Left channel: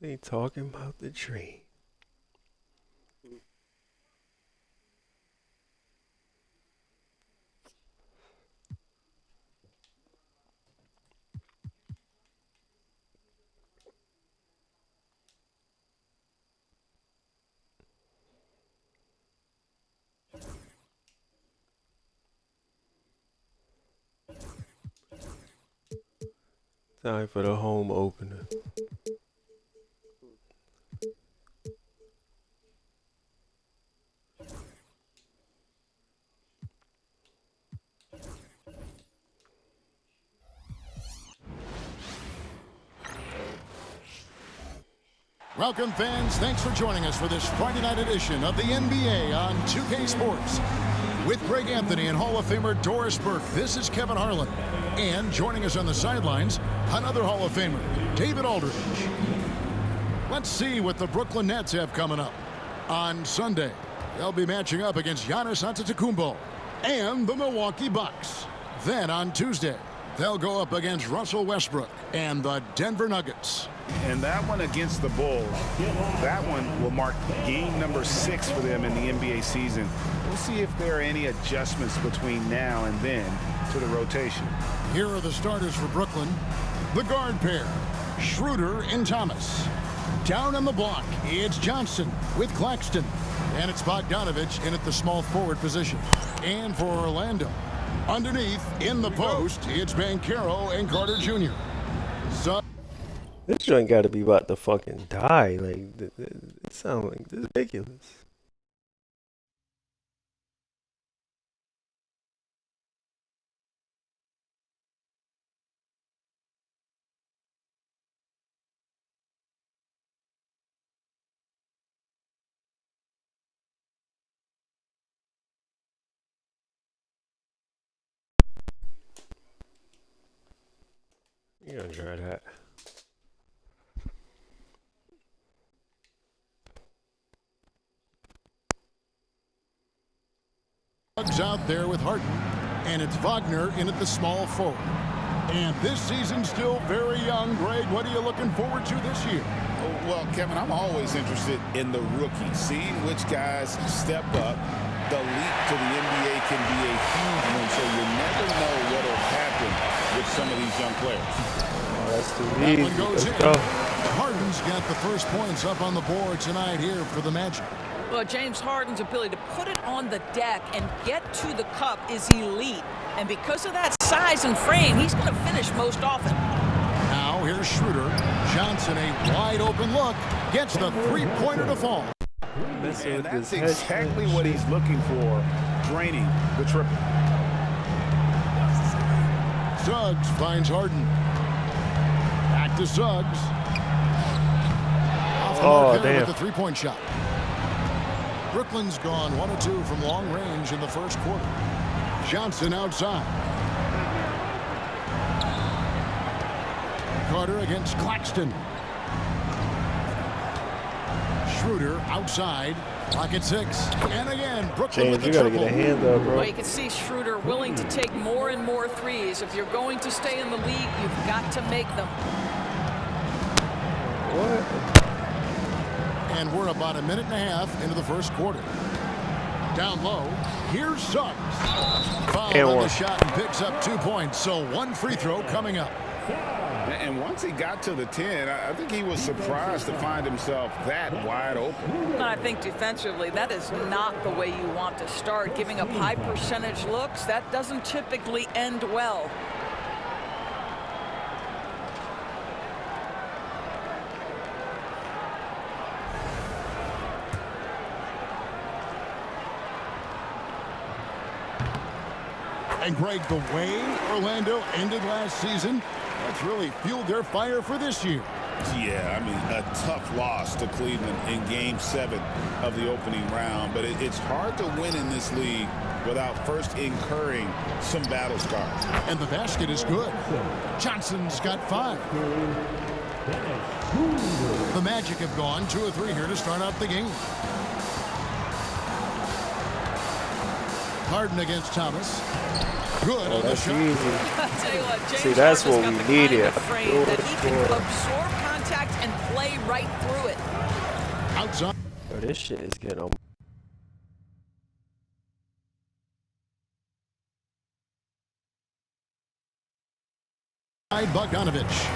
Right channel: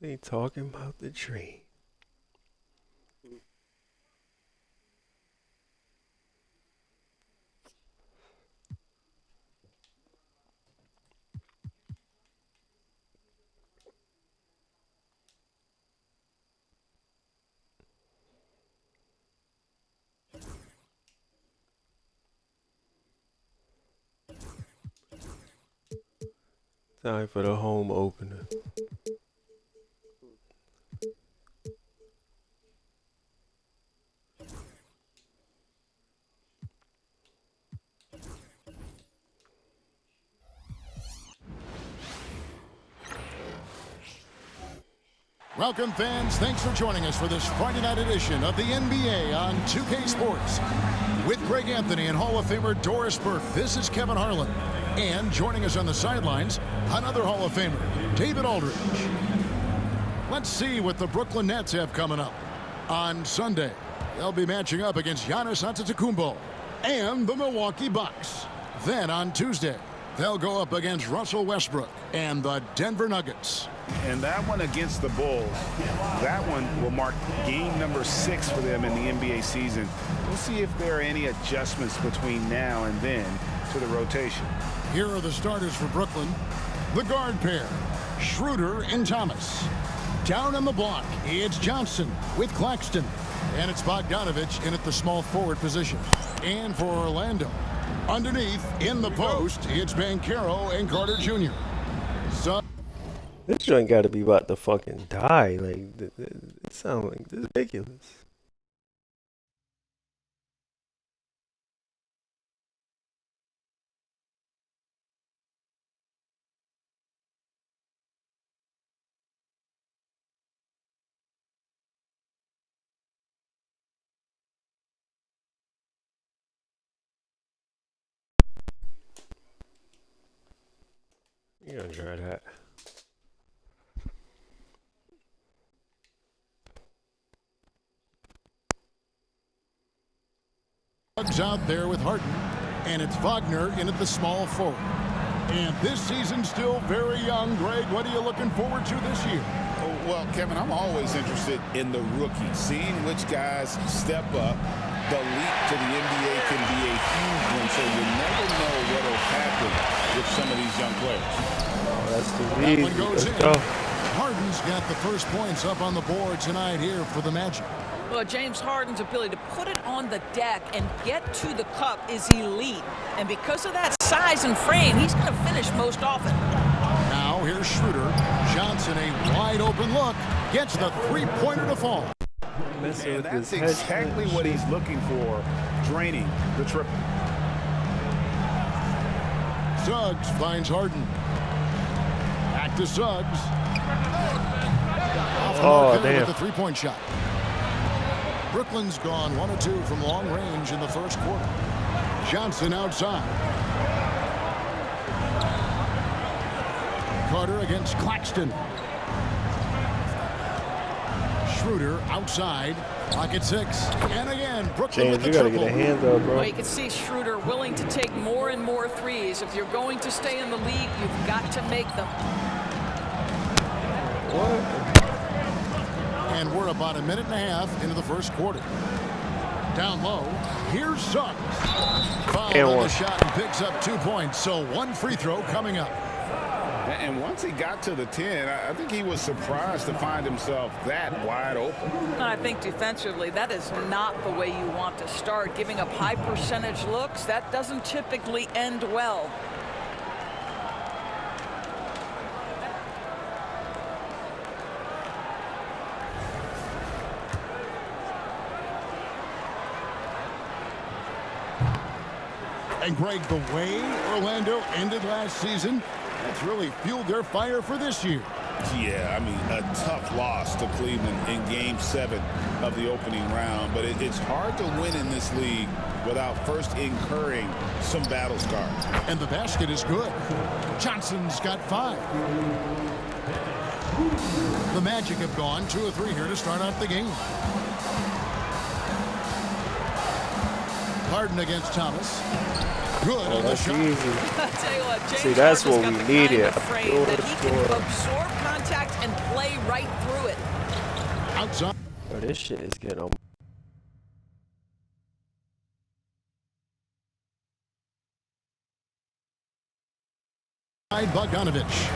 They talking about the tree. Time for the home opener. Welcome, fans. Thanks for joining us for this Friday night edition of the NBA on 2K Sports. With Greg Anthony and Hall of Famer Doris Burke, this is Kevin Harlan. And joining us on the sidelines, another Hall of Famer, David Aldridge. Let's see what the Brooklyn Nets have coming up. On Sunday, they'll be matching up against Giannis Antetokounmpo and the Milwaukee Bucks. Then on Tuesday, they'll go up against Russell Westbrook and the Denver Nuggets. And that one against the Bulls, that one will mark game number 6 for them in the NBA season. We'll see if there are any adjustments between now and then to the rotation. Here are the starters for Brooklyn. The guard pair, Schroeder and Thomas. Down on the block, it's Johnson with Claxton. And it's Bogdanovich in at the small forward position. And for Orlando, underneath, in the post, it's Banchero and Carter Jr. So This joint got to be about to fucking die. Like, it sounds like ridiculous. You're gonna try that. Suggs out there with Harden, and it's Wagner in at the small forward. And this season's still very young. Greg, what are you looking forward to this year? Oh, well, Kevin, I'm always interested in the rookies, seeing which guys step up. The leap to the NBA can be a huge one, so you never know what will happen with some of these young players. Oh, that's too That easy. one goes Let's in. go. Harden's got the first points up on the board tonight here for the Magic. Well, James Harden's ability to put it on the deck and get to the cup is elite. And because of that size and frame, he's going to finish most often. Now here's Schroeder. Johnson, a wide open look, gets the three-pointer to fall. Messing And with that's this head exactly shit. what he's looking for, draining the triple. Suggs finds Harden. Back to Suggs. Off the mark there damn. with the three-point shot. Brooklyn's gone 1 of 2 from long range in the first quarter. Johnson outside. Carter against Claxton. Schroeder outside. Clock at 6. And again, Brooklyn James, with you the gotta triple. get a hand up, bro. Well, you can see Schroeder willing to take more and more threes. If you're going to stay in the league, you've got to make them. What? And we're about a minute and a half into the first quarter. Down low, here's Suggs. Fouled And on one. the shot and picks up 2 points. So one free throw coming up. And once he got to the 10, I think he was surprised to find himself that wide open. And I think defensively, that is not the way you want to start. Giving up high percentage looks, that doesn't typically end well. And Greg, the way Orlando ended last season, that's really fueled their fire for this year. Yeah, I mean, a tough loss to Cleveland in Game 7 of the opening round. But it's hard to win in this league without first incurring some battle scars. And the basket is good. Johnson's got 5. The Magic have gone 2 of 3 here to start out the game. Harden against Thomas. Good on the That's shot. easy. I tell you what, James See, that's Harden's what got we the needed. kind of frame that he can Score. absorb contact and play right through it. Outside. Yo, this shit is getting on. Bogdanovich.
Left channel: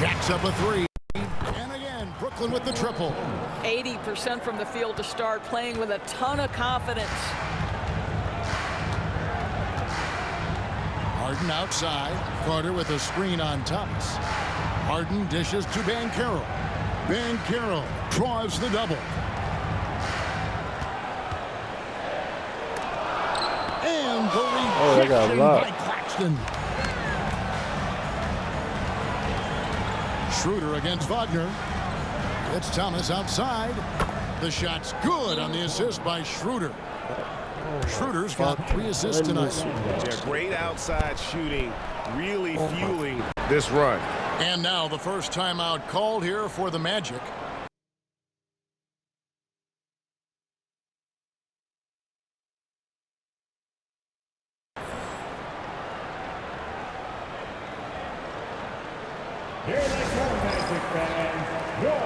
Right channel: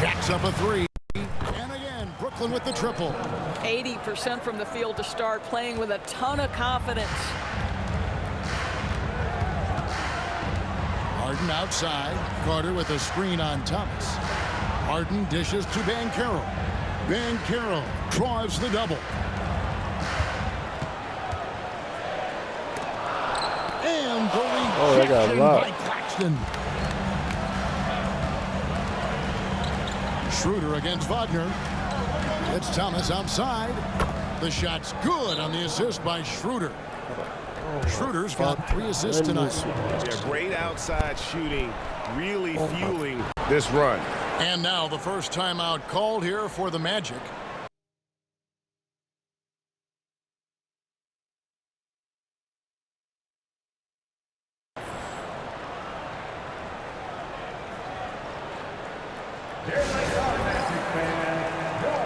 Jacks up a three. And again, Brooklyn with the triple. 80% from the field to start, playing with a ton of confidence. Harden outside. Carter with a screen on Thomas. Harden dishes to Banchero. Banchero draws the double. And the they got rejection locked. by Claxton. Schroeder against Wagner. It's Thomas outside. The shot's good on the assist by Schroeder. Schroeder's got 3 assists tonight. Yeah, great outside shooting, really fueling this run. And now the first timeout called here for the Magic. Here they come, Magic fans. Your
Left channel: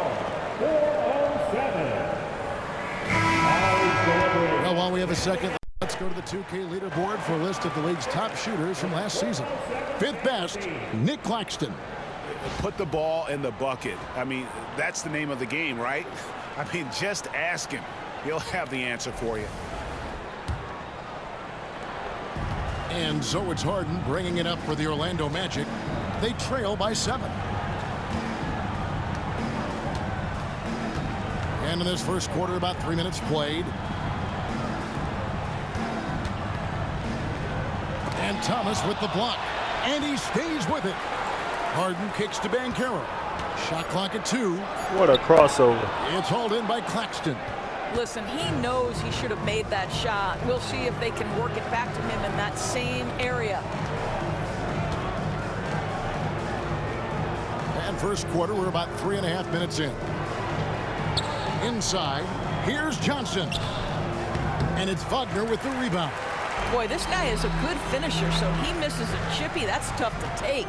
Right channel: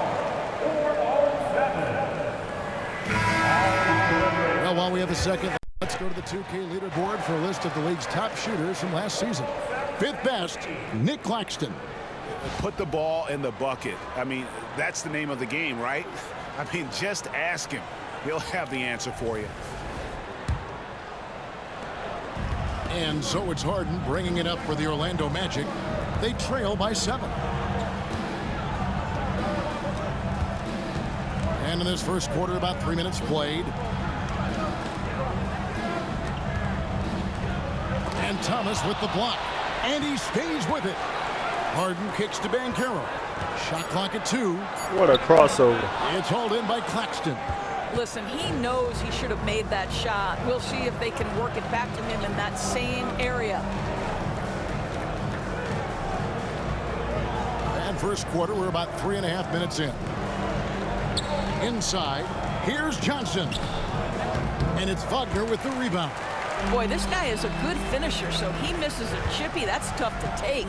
407. Well, while we have a second, let's go to the 2K leaderboard for a list of the league's top shooters from last season. 5th best, Nick Claxton. Put the ball in the bucket. I mean, that's the name of the game, right? I mean, just ask him. He'll have the answer for you. And so it's Harden bringing it up for the Orlando Magic. They trail by 7. And in this first quarter, about 3 minutes played. And Thomas with the block. And he stays with it. Harden kicks to Banchero. Shot clock at 2. What a crossover. It's hauled in by Claxton. Listen, he knows he should have made that shot. We'll see if they can work it back to him in that same area. And first quarter, we're about 3.5 minutes in. Inside, here's Johnson. And it's Wagner with the rebound. Boy, this guy is a good finisher, so he misses a chippy. That's tough to take.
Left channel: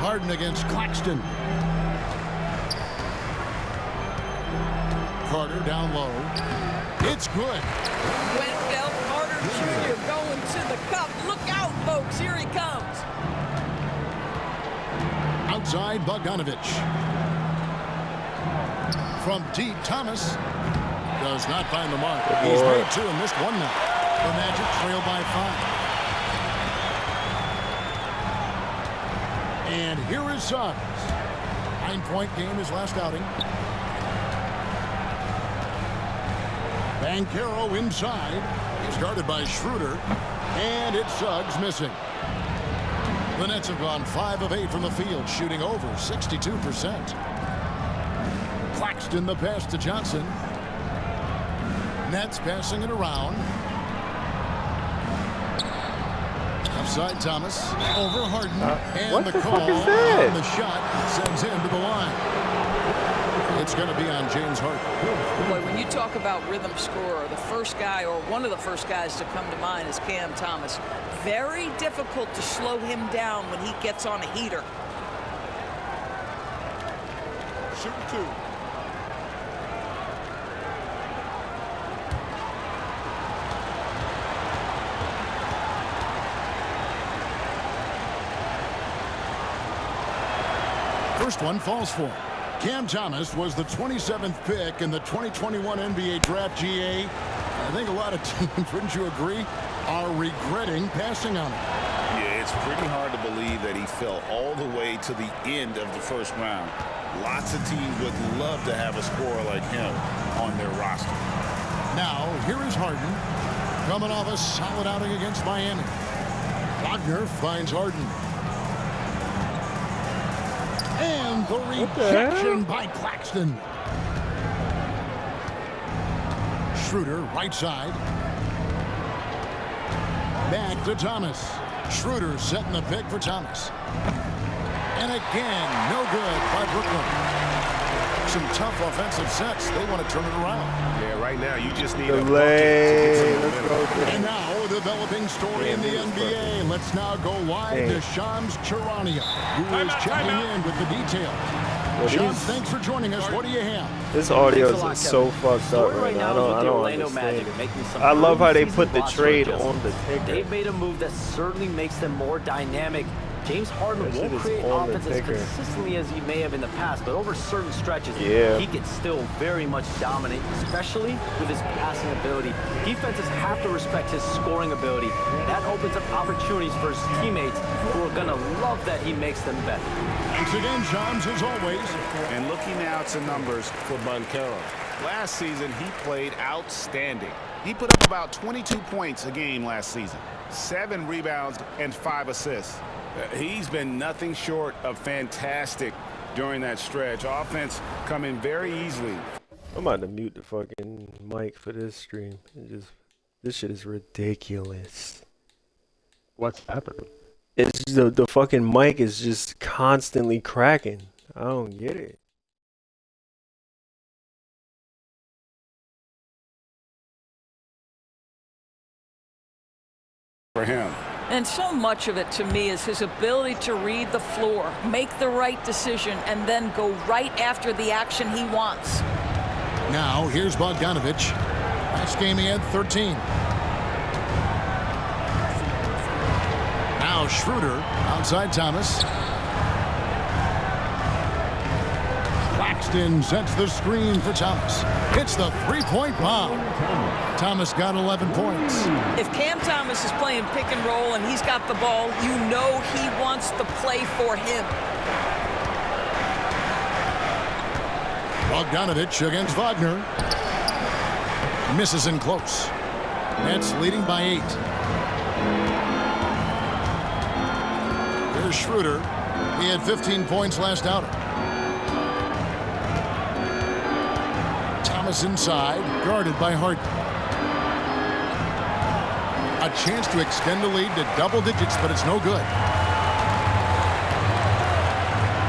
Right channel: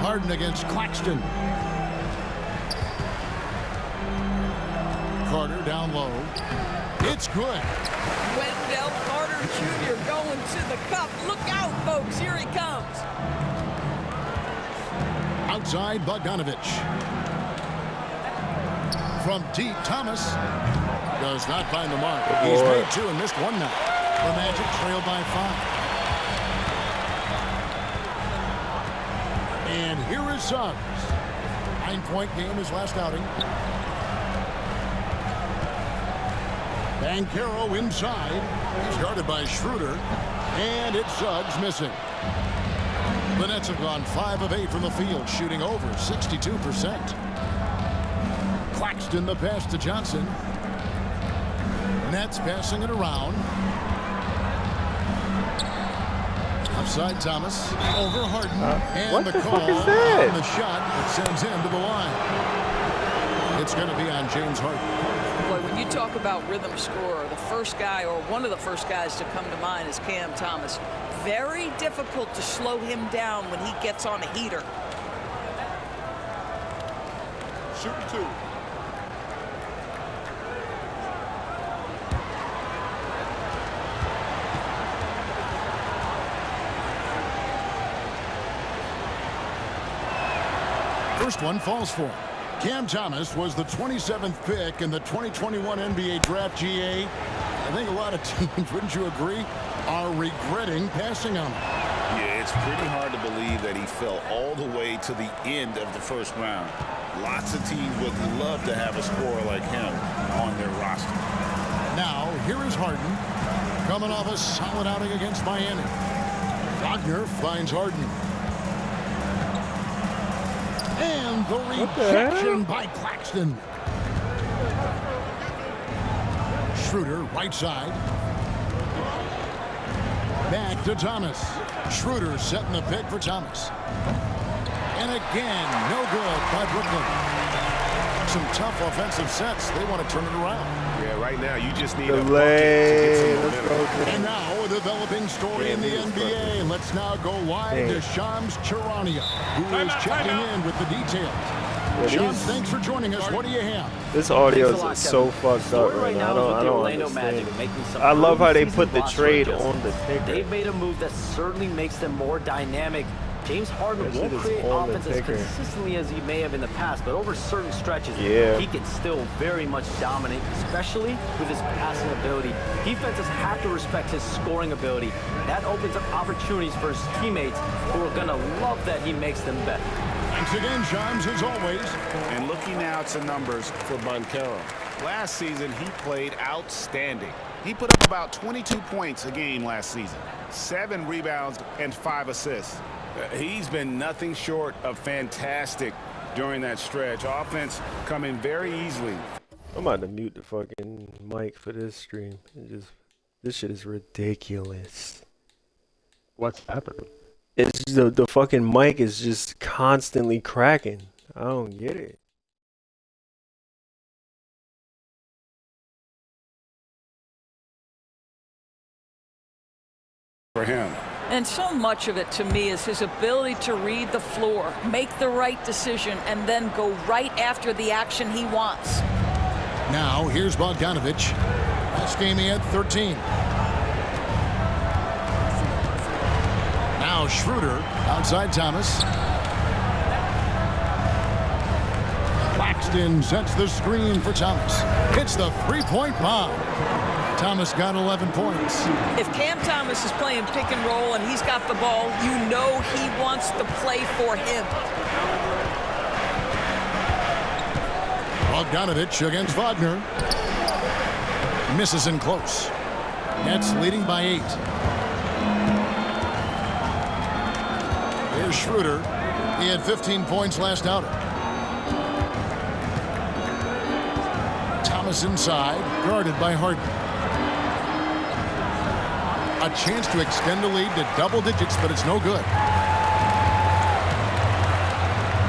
Harden against Claxton. Carter down low. It's good. Wendell Carter Jr. going to the cup. Look out, folks. Here he comes. Outside, Bogdanovich. From deep, Thomas does not find the mark. He's made 2 and missed 1 now. The Magic trail by 5. And here is Suggs. 9-point game his last outing. Banchero inside. He's guarded by Schroeder. And it's Suggs missing. The Nets have gone 5 of 8 from the field, shooting over 62%. Claxton the pass to Johnson. Nets passing it around. Offside Thomas. Over Harden. And what the the call fuck is that? on the shot that sends him to the line. It's going to be on James Harden. Boy, when you talk about rhythm scorer, the first guy or one of the first guys to come to mind is Cam Thomas. Very difficult to slow him down when he gets on a heater. Shooting 2. First one falls for him. Cam Thomas was the 27th pick in the 2021 NBA Draft. GA. I think a lot of teams, wouldn't you agree, are regretting passing on him. Yeah, it's pretty hard to believe that he fell all the way to the end of the first round. Lots of teams would love to have a scorer like him on their roster. Now, here is Harden, coming off a solid outing against Miami. Wagner finds Harden. And the rejection by Claxton. Schroeder, right side. Back to Thomas. Schroeder setting the pick for Thomas. And again, no good by Brooklyn. some tough offensive sets. They want to turn it around. Yeah, right now you just need a bucket to Delay. get some Let's momentum. go. And now a developing story in the NBA. Let's now go wide to Shams Charania, who is checking in with the details. Shams, thanks for joining us. What do you have? This audio is so fucked up right now. I don't understand it. I love how they put the trade on the ticker. They've made a move that certainly makes them more dynamic. James Harden That shit won't is create on the offense as ticker. consistently as he may have in the past, but over certain stretches, he can still very much dominate, especially with his passing ability. Defenses have to respect his scoring ability. That opens up opportunities for his teammates, who are going to love that he makes them better. Thanks again, Shams, as always. And looking now to numbers for Banchero. Last season, he played outstanding. He put up about 22 points a game last season, 7 rebounds and 5 assists. He's been nothing short of fantastic during that stretch. Offense coming very easily. I'm about to mute the fucking mic for this stream. This shit is ridiculous. What's happening? It's the fucking mic is just constantly cracking. I don't get it. For him. And so much of it to me is his ability to read the floor, make the right decision, and then go right after the action he wants. Now, here's Bogdanovich. Last game he had 13. Now Schroeder outside Thomas. Claxton sets the screen for Thomas. Hits the three-point bomb. Thomas got 11 points. If Cam Thomas is playing pick and roll and he's got the ball, you know he wants the play for him. Bogdanovich against Wagner. Misses in close. Nets leading by 8. Here's Schroeder. He had 15 points last outing. Thomas inside, guarded by Harden. A chance to extend the lead to double digits, but it's no good.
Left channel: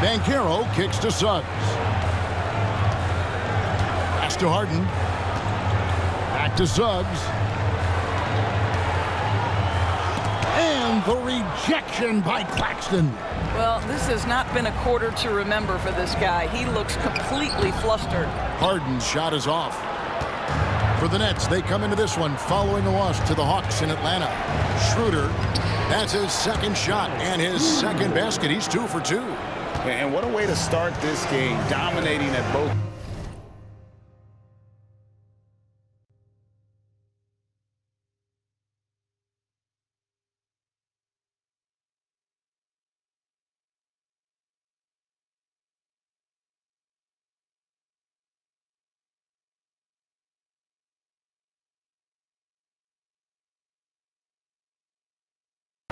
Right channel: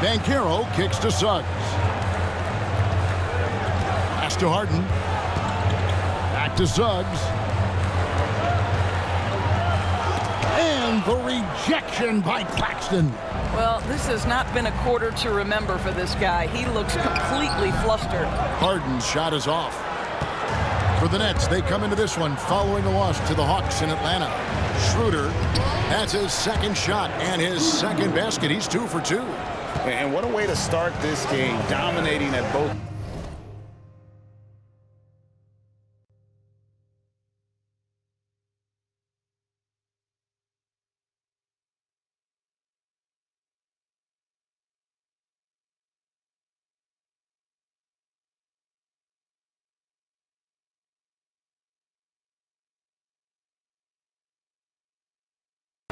Banchero kicks to Suggs. Pass to Harden. Back to Suggs. And the rejection by Claxton. Well, this has not been a quarter to remember for this guy. He looks completely flustered. Harden's shot is off. For the Nets, they come into this one following a loss to the Hawks in Atlanta. Schroeder, that's his second shot and his second basket. He's 2 for 2. And what a way to start this game, dominating at both.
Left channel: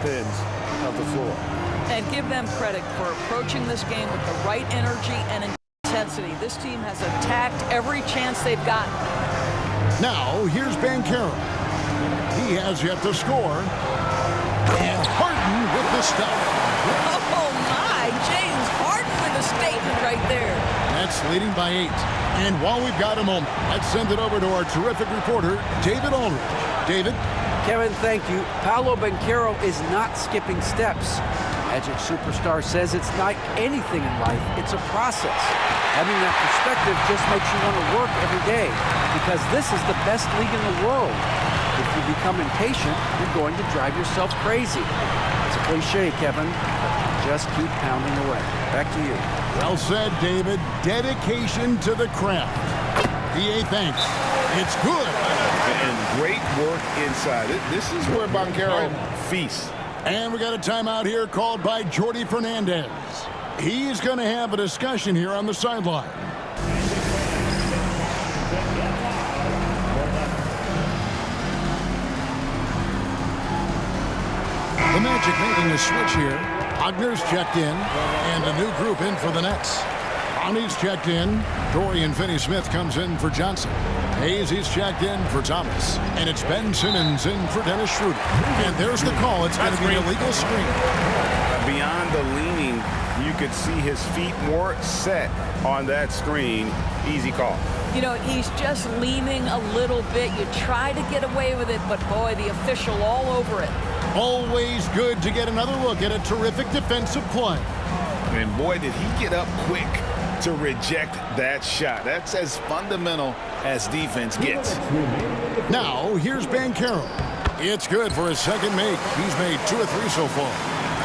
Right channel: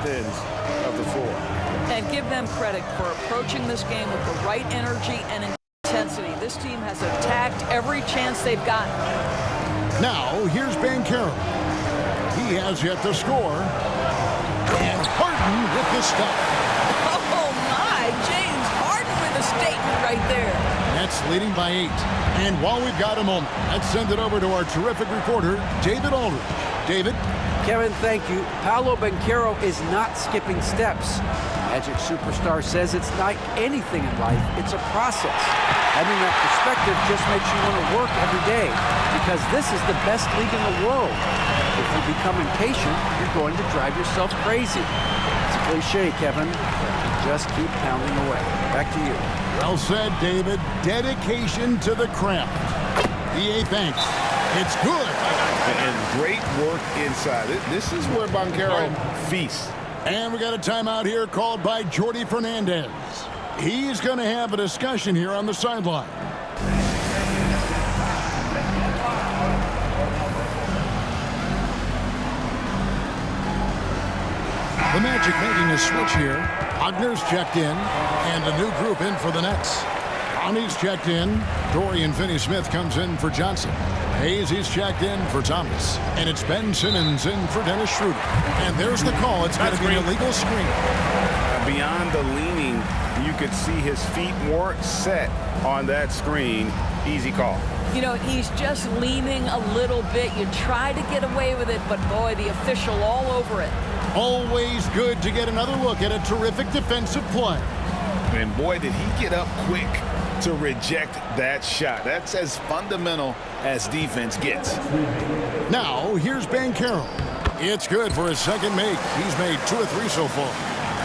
Ends of the floor. And give them credit for approaching this game with the right energy and intensity. This team has attacked every chance they've gotten. Now, here's Banchero. He has yet to score. And Harden with the stuff. Oh, my. James Harden with a statement right there. Nets leading by 8. And while we've got a moment, let's send it over to our terrific reporter, David Aldridge. David? Kevin, thank you. Paolo Banchero is not skipping steps. Magic superstar says it's like anything in life, it's a process. Having that perspective just makes you want to work every day, because this is the best league in the world. If you become impatient, you're going to drive yourself crazy. It's a cliche, Kevin, but you just keep pounding away. Back to you. Well said, David. Dedication to the craft. DA, thanks. It's good. And great work inside. This is where Banchero feasts. And we got a timeout here called by Jordi Fernandez. He's going to have a discussion here on the sideline. The Magic making a switch here. Wagner's checked in, and a new group in for the Nets. Ronnie's checked in. Dorian Finney-Smith comes in for Johnson. Hayes, he's checked in for Thomas. And it's Ben Simmons in for Dennis Schroeder. And there's the call. It's going to be an illegal screen. Beyond the leaning, you could see his feet more set on that screen. Easy call. You know, he's just leaning a little bit. You try to get away with it, but boy, the official all over it. Always good to get another look at a terrific defensive play. And boy, did he get up quick to reject that shot. That's as fundamental as defense gets. Now, here's Banchero. It's good for his second make. He's made 2 or 3 so far.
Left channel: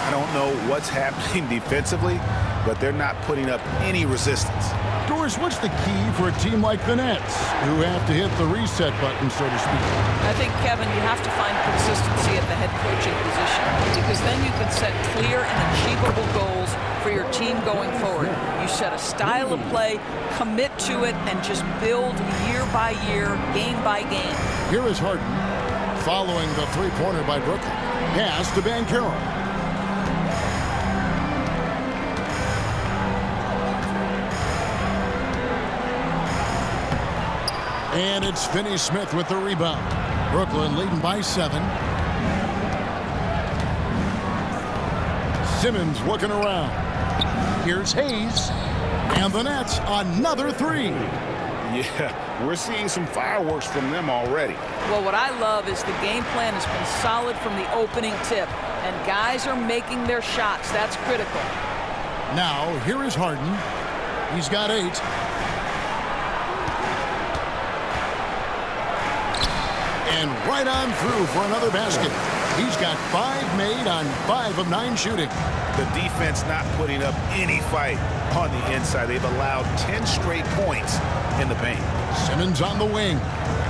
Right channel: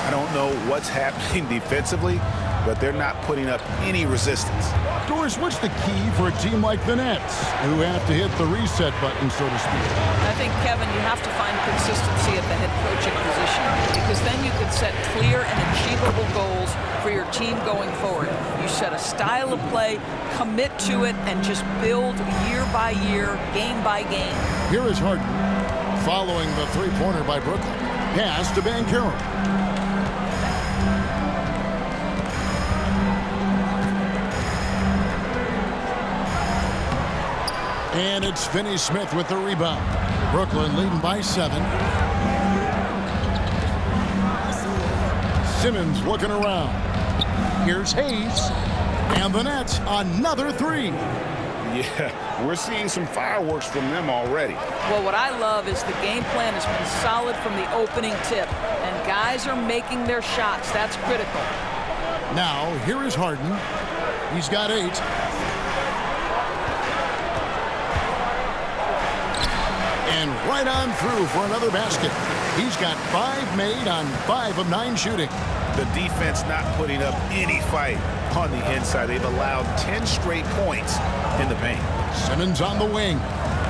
I don't know what's happening defensively, but they're not putting up any resistance. Doris, what's the key for a team like the Nets, who have to hit the reset button, so to speak? I think, Kevin, you have to find consistency at the head coaching position, because then you can set clear and achievable goals for your team going forward. You set a style of play, commit to it, and just build year by year, game by game. Here is Harden, following the three-pointer by Brooklyn. Pass to Banchero. And it's Finney-Smith with the rebound. Brooklyn leading by 7. Simmons looking around. Here's Hayes. And the Nets, another 3. Yeah, we're seeing some fireworks from them already. Well, what I love is the game plan has been solid from the opening tip, and guys are making their shots. That's critical. Now, here is Harden. He's got 8. And right on through for another basket. He's got 5 made on 5 of 9 shooting. The defense not putting up any fight on the inside. They've allowed 10 straight points in the paint. Simmons on the wing.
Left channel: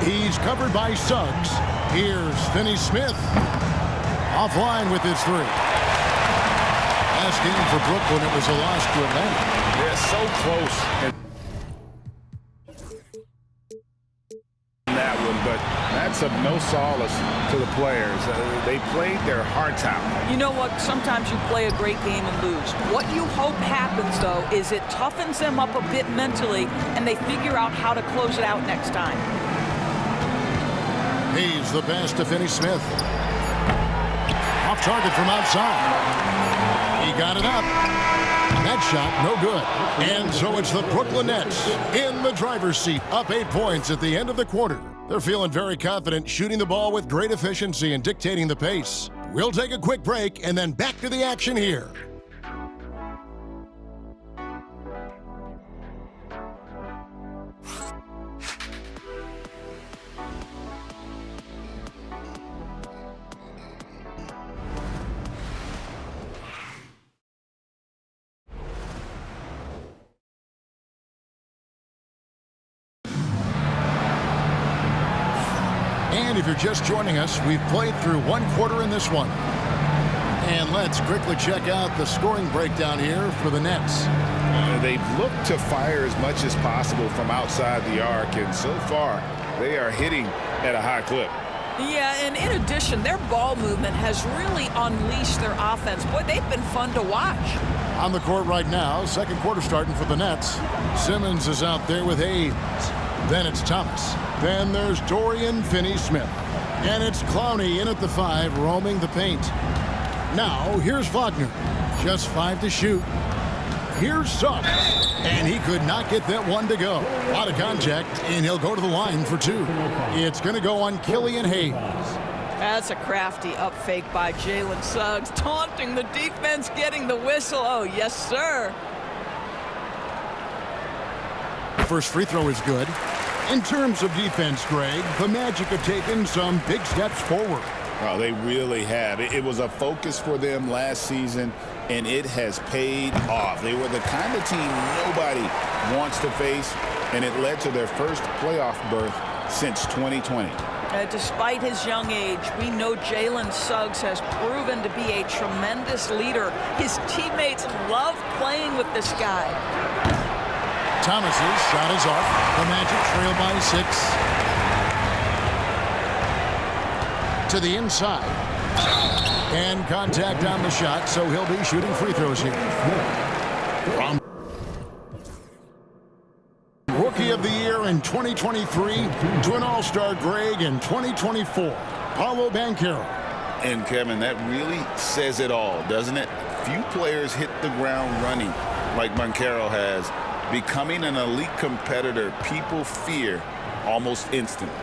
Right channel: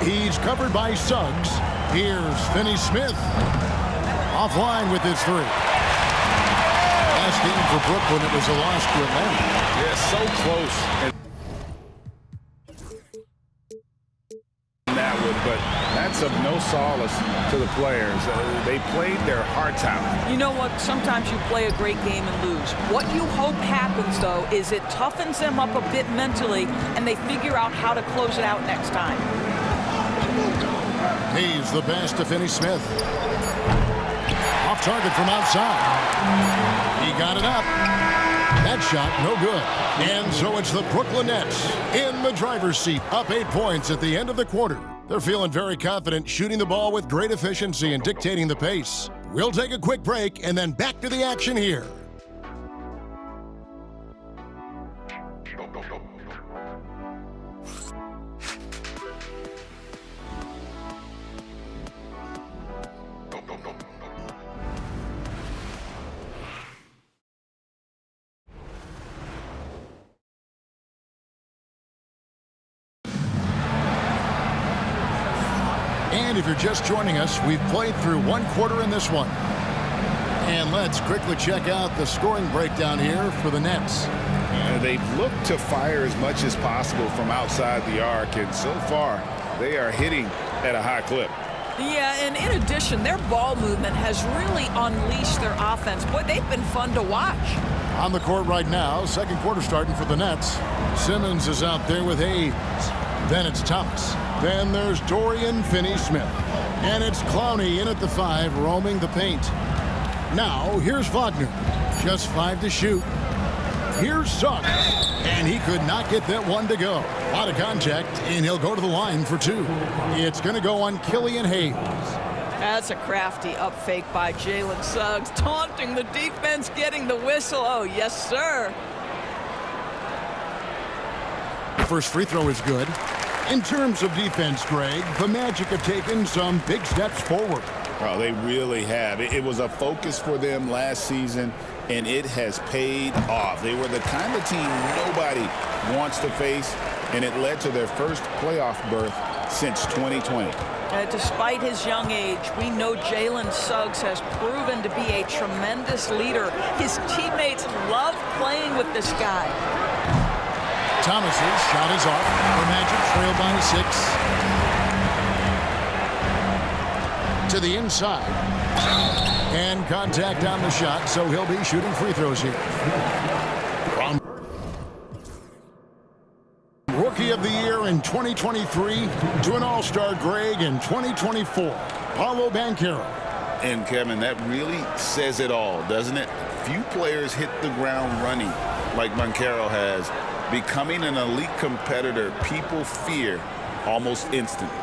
He's covered by Suggs. Here's Finney-Smith. Offline with his 3. Last game for Brooklyn, it was a loss to Atlanta. Yeah, so close. And that one, but that's of no solace to the players. They played their hearts out. You know what? Sometimes you play a great game and lose. What you hope happens, though, is it toughens them up a bit mentally, and they figure out how to close it out next time. Hayes the pass to Finney-Smith. Off target from outside. He got it up. That shot, no good. And so it's the Brooklyn Nets in the driver's seat, up 8 points at the end of the quarter. They're feeling very confident, shooting the ball with great efficiency and dictating the pace. We'll take a quick break and then back to the action here. And if you're just joining us, we've played through 1 quarter in this one. And let's quickly check out the scoring breakdown here for the Nets. They've looked to fire as much as possible from outside the arc, and so far, they are hitting at a high clip. Yeah, and in addition, their ball movement has really unleashed their offense. Boy, they've been fun to watch. On the court right now, second quarter starting for the Nets. Simmons is out there with Hayes. Then it's Thomas. Then there's Dorian Finney-Smith. And it's Clowney in at the 5, roaming the paint. Now, here's Wagner. Just 5 to shoot. Here's Suggs. And he could not get that one to go. A lot of contact, and he'll go to the line for 2. It's going to go on Killian Hayes. That's a crafty up fake by Jalen Suggs, taunting the defense, getting the whistle. Oh, yes, sir. First free throw is good. In terms of defense, Greg, the Magic have taken some big steps forward. Oh, they really have. It was a focus for them last season, and it has paid off. They were the kind of team nobody wants to face, and it led to their first playoff berth since 2020. Despite his young age, we know Jalen Suggs has proven to be a tremendous leader. His teammates love playing with this guy. Thomas's shot is off. The Magic trail by 6. To the inside. And contact on the shot, so he'll be shooting free throws here. From Rookie of the Year in 2023 to an All-Star Greg in 2024, Paolo Banchero. And, Kevin, that really says it all, doesn't it? Few players hit the ground running like Banchero has, Becoming an elite competitor, people fear almost instantly.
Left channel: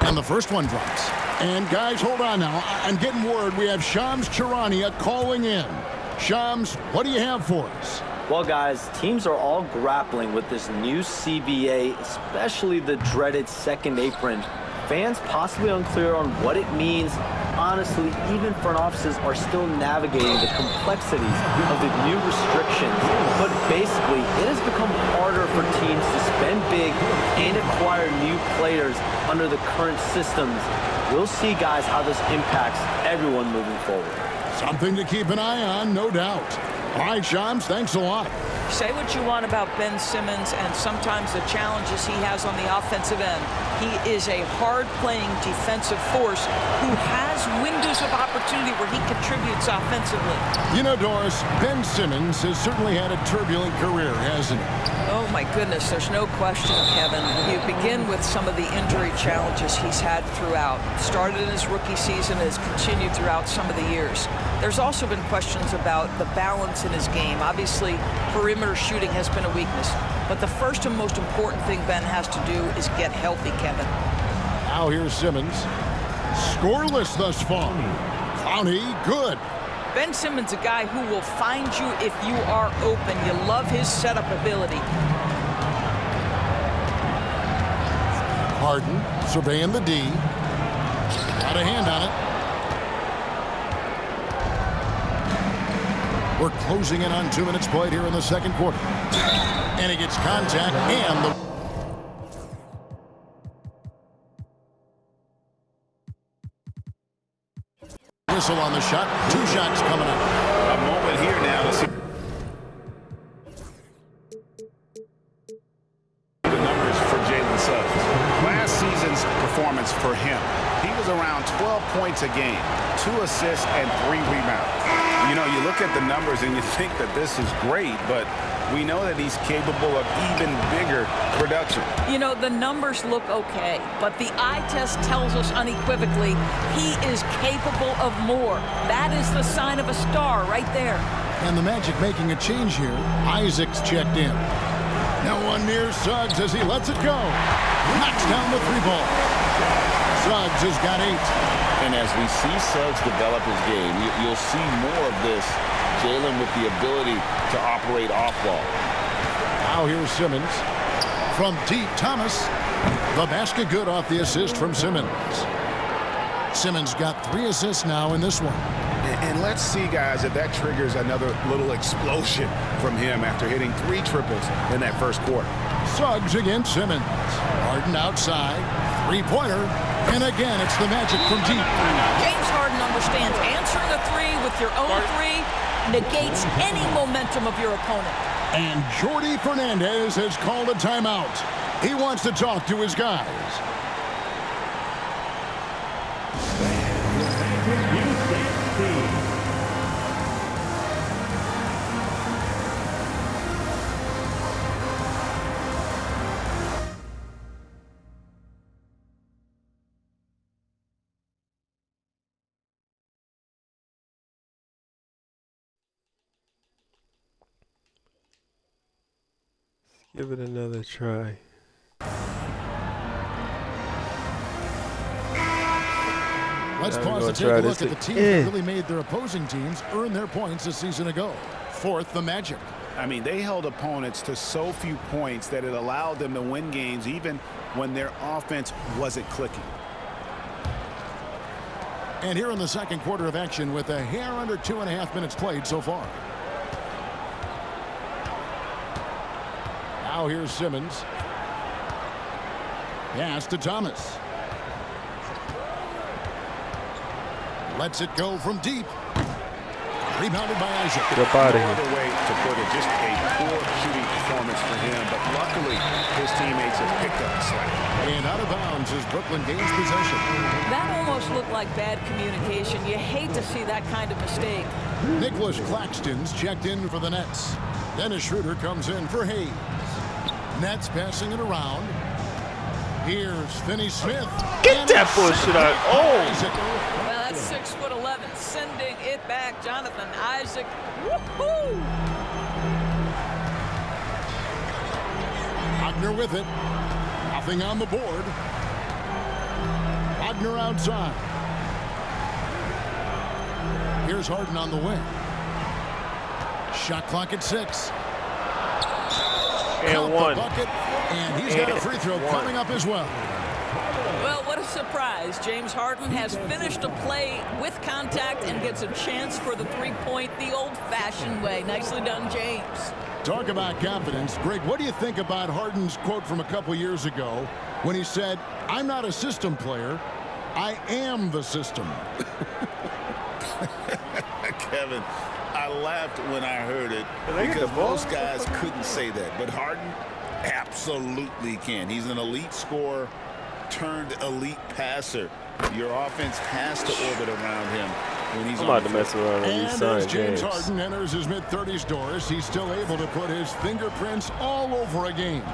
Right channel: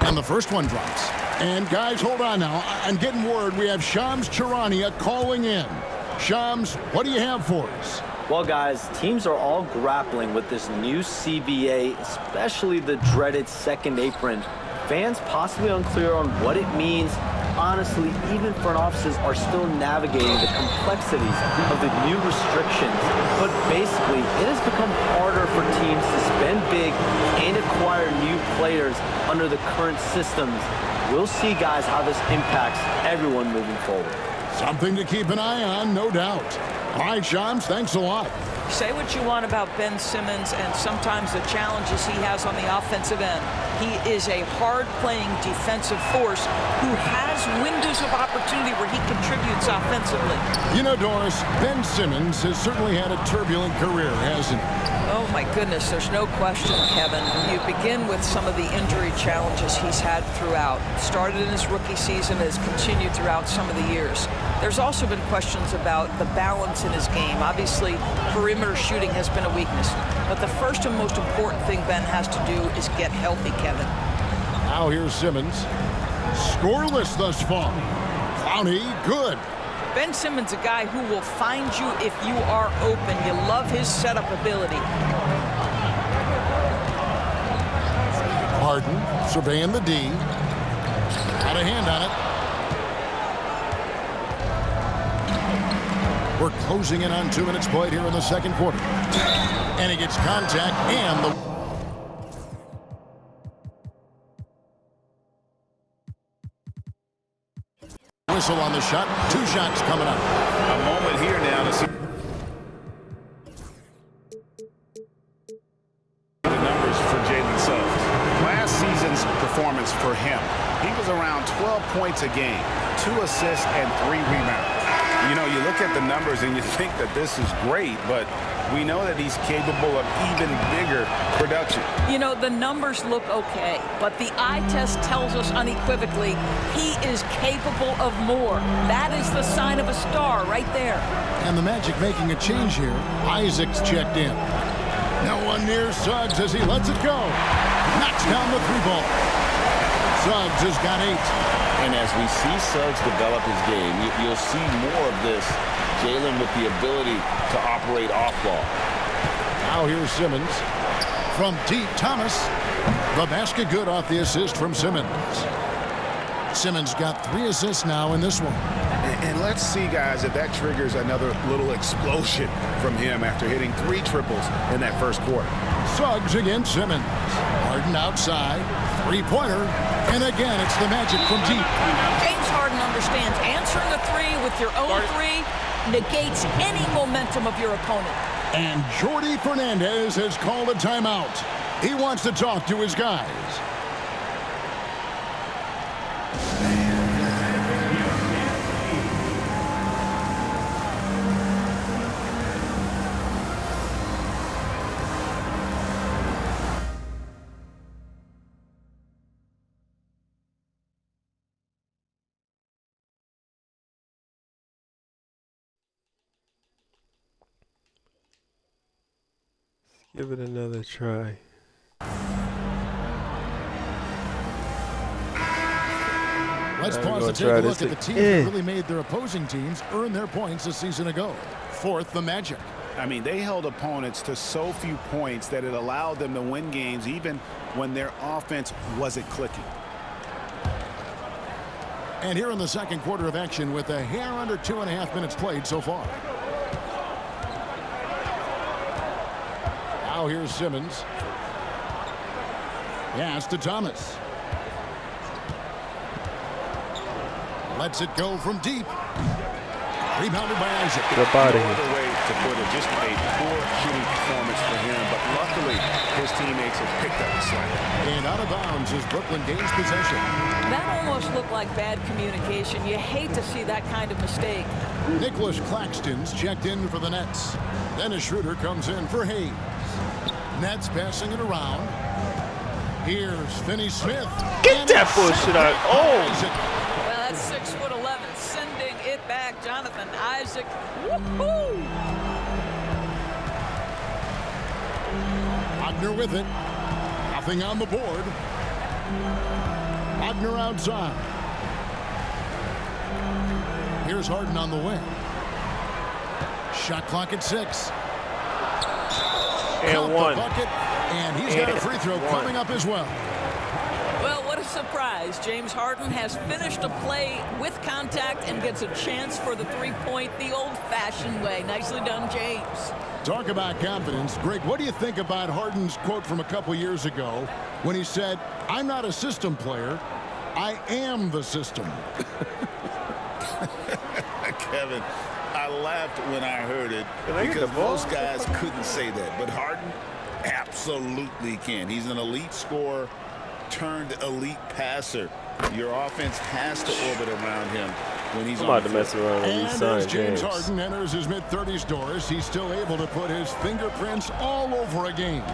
And the first one drops. And guys, hold on now. I'm getting word we have Shams Charania calling in. Shams, what do you have for us? Well, guys, teams are all grappling with this new CBA, especially the dreaded second apron. Fans possibly unclear on what it means. Honestly, even front offices are still navigating the complexities of the new restrictions. But basically, it has become harder for teams to spend big and acquire new players under the current systems. We'll see, guys, how this impacts everyone moving forward. Something to keep an eye on, no doubt. All right, Shams, thanks a lot. Say what you want about Ben Simmons and sometimes the challenges he has on the offensive end. He is a hard-playing defensive force who has windows of opportunity where he contributes offensively. You know, Doris, Ben Simmons has certainly had a turbulent career, hasn't he? Oh, my goodness, there's no question, Kevin. You begin with some of the injury challenges he's had throughout. Started in his rookie season and has continued throughout some of the years. There's also been questions about the balance in his game. Obviously, perimeter shooting has been a weakness. But the first and most important thing Ben has to do is get healthy, Kevin. Now here's Simmons. Scoreless thus far. Clowney, good. Ben Simmons, a guy who will find you if you are open. You love his setup ability. Harden surveying the D. Got a hand on it. We're closing in on 2 minutes played here in the second quarter. And he gets contact and the whistle on the shot. 2 shots coming up. A moment here now to see the numbers for Jalen Suggs. Last season's performance for him, he was around 12 points a game, 2 assists and 3 rebounds. You know, you look at the numbers and you think that this is great, but we know that he's capable of even bigger production. You know, the numbers look okay, but the eye test tells us unequivocally he is capable of more. That is the sign of a star right there. And the Magic making a change here. Isaac's checked in. Now one near Suggs as he lets it go. Knocks down the 3-ball. Suggs has got 8. And as we see Suggs develop his game, you'll see more of this. Jalen with the ability to operate off ball. Now here's Simmons. From deep, Thomas. The basket good off the assist from Simmons. Simmons got 3 assists now in this one. And let's see, guys, if that triggers another little explosion from him after hitting 3 triples in that first quarter. Suggs against Simmons. Harden outside. 3-pointer. And again, it's the Magic from deep. James Harden understands answering a 3 with your own 3 negates any momentum of your opponent. And Jordi Fernandez has called a timeout. He wants to talk to his guys. Give it another try. Let's pause to take a look at the teams that really made their opposing teams earn their points a season ago. Fourth, the Magic. I mean, they held opponents to so few points that it allowed them to win games even when their offense wasn't clicking. And here in the second quarter of action with a hair under 2.5 minutes played so far. Now here's Simmons. Pass to Thomas. Lets it go from deep. Rebounded by Isaac. Get up out of No here. other way to put it, just a poor shooting performance for him, but luckily his teammates have picked up the slack. And out of bounds as Brooklyn gains possession. That almost looked like bad communication. You hate to see that kind of mistake. Nicholas Claxton's checked in for the Nets. Dennis Schroeder comes in for Hayes. Nets passing it around. Here's Finney Smith. Get that bullshit out. Oh! Well, that's 6'11", sending it back. Jonathan Isaac. Woohoo! Wagner with it. Nothing on the board. Wagner outside. Here's Harden on the wing. Shot clock at 6. And Count one. the bucket, and he's got a free throw coming up as well. Well, what a surprise. James Harden has finished a play with contact and gets a chance for the three-point the old-fashioned way. Nicely done, James. Talk about confidence. Greg, what do you think about Harden's quote from a couple years ago when he said, "I'm not a system player, I am the system"? Kevin, I laughed when I heard it because most guys couldn't say that. But Harden absolutely can. He's an elite scorer turned elite passer. Your offense has to orbit around him when he's I'm about to mess around and with as James Harden enters his mid-30s, Doris, he's still able to put his fingerprints all over a game.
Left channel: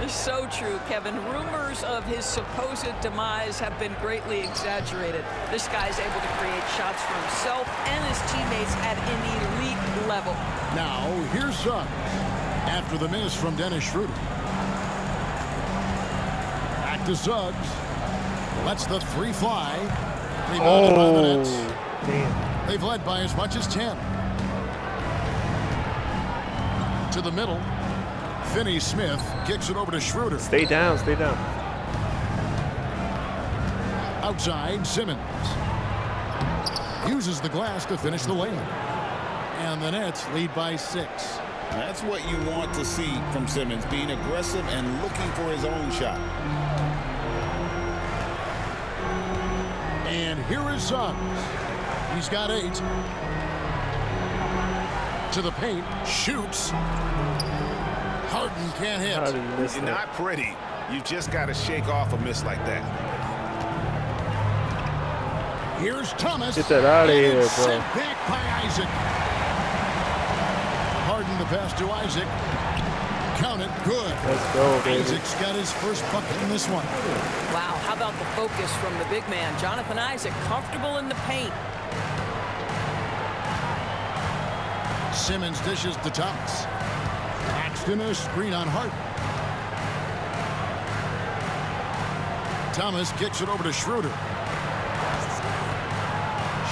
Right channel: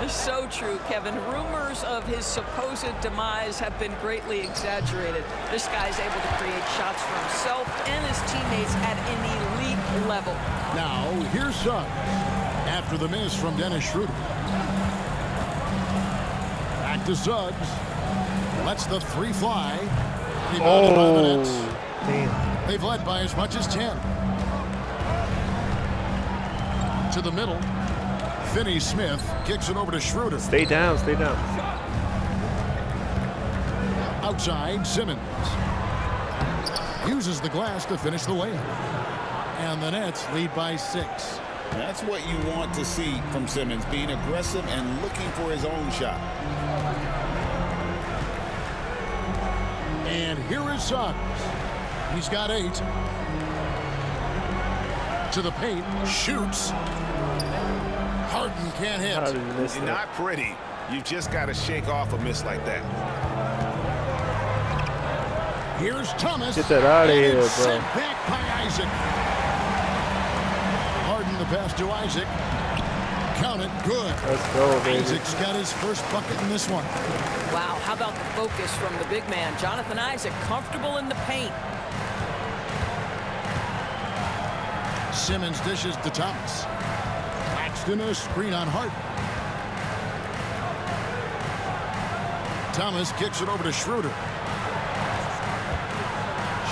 It's so true, Kevin. Rumors of his supposed demise have been greatly exaggerated. This guy's able to create shots for himself and his teammates at an elite level. Now, here's Suggs after the miss from Dennis Schroeder. Back to Suggs. Lets the three fly. Rebounded by the Nets. Damn. They've led by as much as 10. To the middle. Finney-Smith kicks it over to Schroeder. Stay down, stay down. Outside, Simmons. Uses the glass to finish the layup. And the Nets lead by 6. That's what you want to see from Simmons, being aggressive and looking for his own shot. And here is Suggs. He's got 8. To the paint. Shoots. Harden can't hit. How did he miss that? Not pretty. You just got to shake off a miss like that. Here's Thomas. Get that out of and here, it's bro. sent back by Isaac. Harden the pass to Isaac. Count it. Good. Let's go, baby. Isaac's got his first bucket in this one. Wow, how about the focus from the big man? Jonathan Isaac comfortable in the paint. Simmons dishes to Thomas. Paxton a screen on Harden. Thomas kicks it over to Schroeder.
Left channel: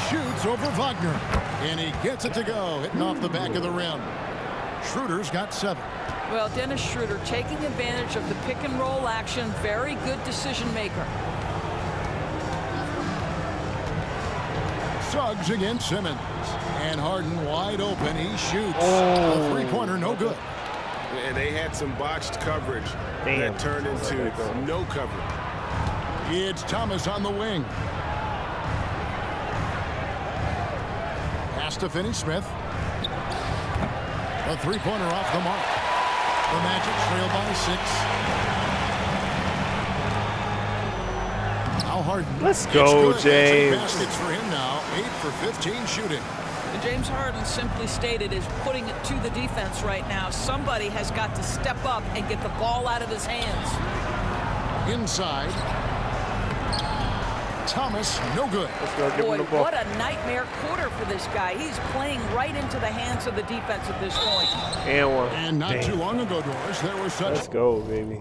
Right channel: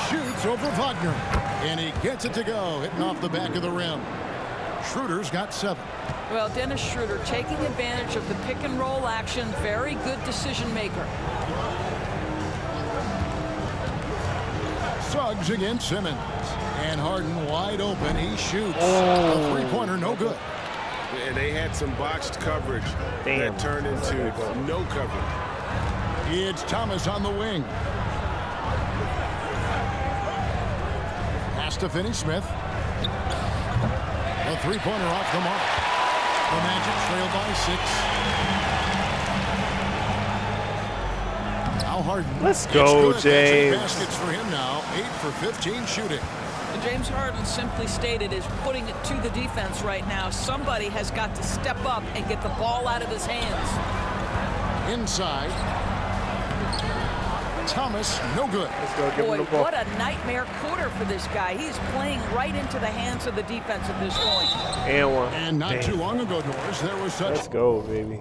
Shoots over Wagner. And he gets it to go, hitting off the back of the rim. Schroeder's got 7. Well, Dennis Schroeder taking advantage of the pick and roll action. Very good decision maker. Suggs against Simmons. And Harden wide open. He shoots. A three-pointer, no good. And they had some botched coverage that turned into no coverage. It's Thomas on the wing. Pass to Finney-Smith. The three-pointer off the mark. The Magic trail by 6. Now Harden. Let's go, It's good. That's 8 James. baskets for him now. 8 for 15 shooting. And James Harden, simply stated, is putting it to the defense right now. Somebody has got to step up and get the ball out of his hands. Inside. Thomas, no good. Let's go, give Boy, him the ball. what a nightmare quarter for this guy. He's playing right into the hands of the defense at this point. And one. And not Damn. too long ago, Doris, there was such... Let's go, baby.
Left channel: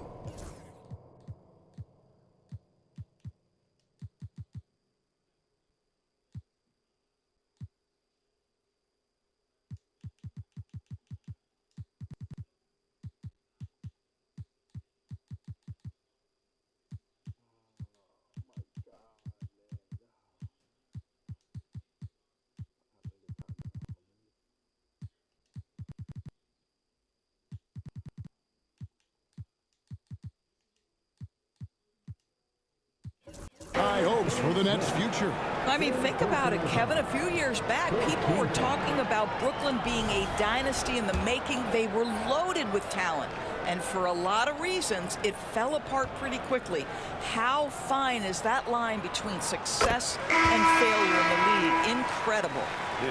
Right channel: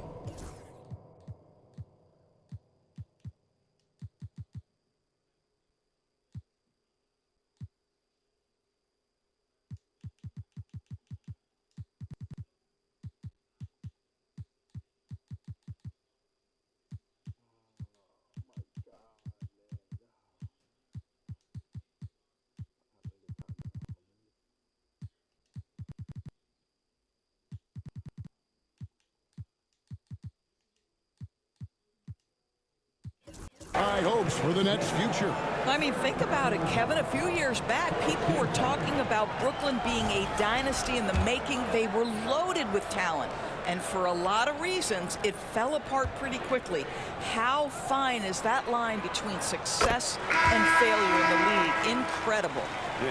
High hopes for the Nets' future. I mean, think about it, Kevin. A few years back, people were talking about Brooklyn being a dynasty in the making. They were loaded with talent. And for a lot of reasons, it fell apart pretty quickly. How fine is that line between success and failure in the league? Incredible.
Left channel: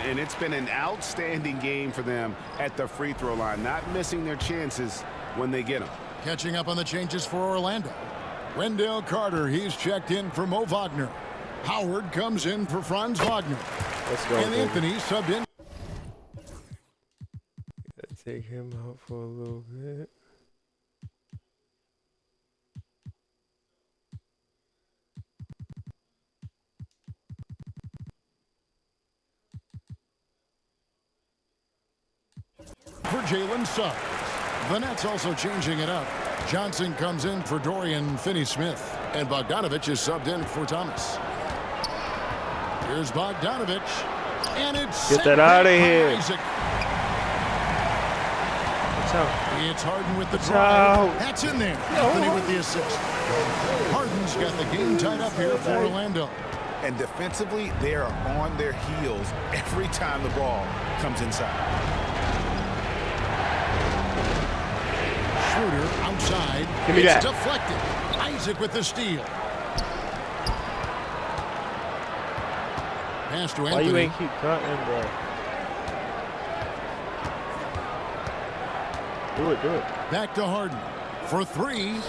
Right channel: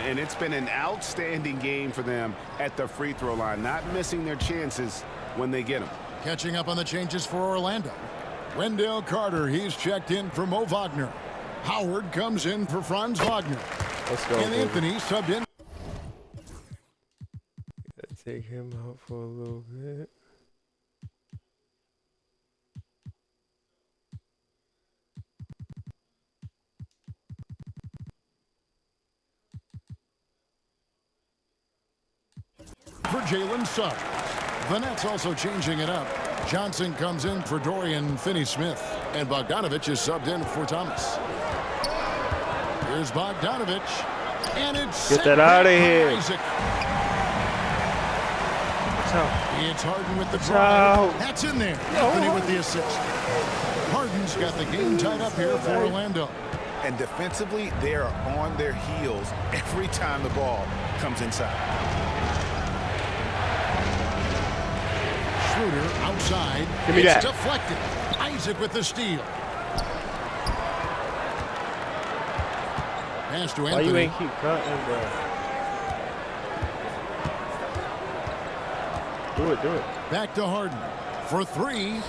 And it's been an outstanding game for them at the free throw line, not missing their chances when they get them. Catching up on the changes for Orlando. Wendell Carter, he's checked in for Mo Wagner. Howard comes in for Franz Wagner. Let's go, And baby. Anthony subbed in. Take him out for a little bit. Jalen Suggs. The Nets also changing it up. Johnson comes in for Dorian Finney-Smith. And Bogdanovich is subbed in for Thomas. Here's Bogdanovich. And it's get that out of here. Isaac. What's out? It's Harden with the drive. That's in there. Anthony with the assist. Harden's got the game tied up here for Orlando. And defensively, they are on their heels every time the ball comes inside. Schroeder outside. Give me it's that. Deflected. Isaac with the steal. Pass to Anthony. Why you ain't keep cutting, bro? Do it, do it. Back to Harden for three.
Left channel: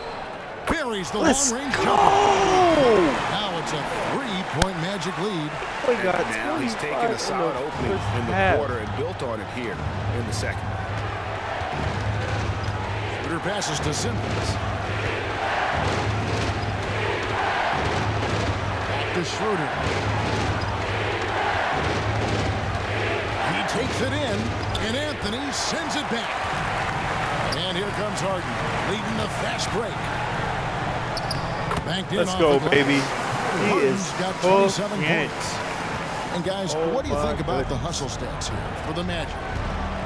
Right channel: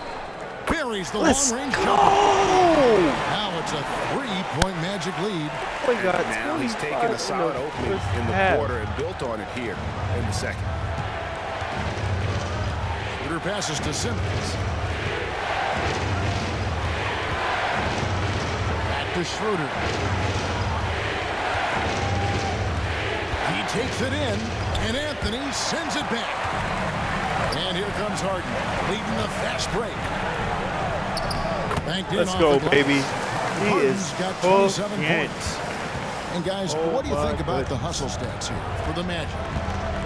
Buries the long-range jumper. Now it's a three-point Magic lead. And now he's taken a solid opening in the quarter and built on it here in the second. Schroeder passes to Simmons. Back to Schroeder. He takes it in, and Anthony sends it back. And here comes Harden, leading the fast break. Banked in. Let's go, baby. He Harden's is got 27 points. points. And guys, what do you think about the hustle stats here for the Magic?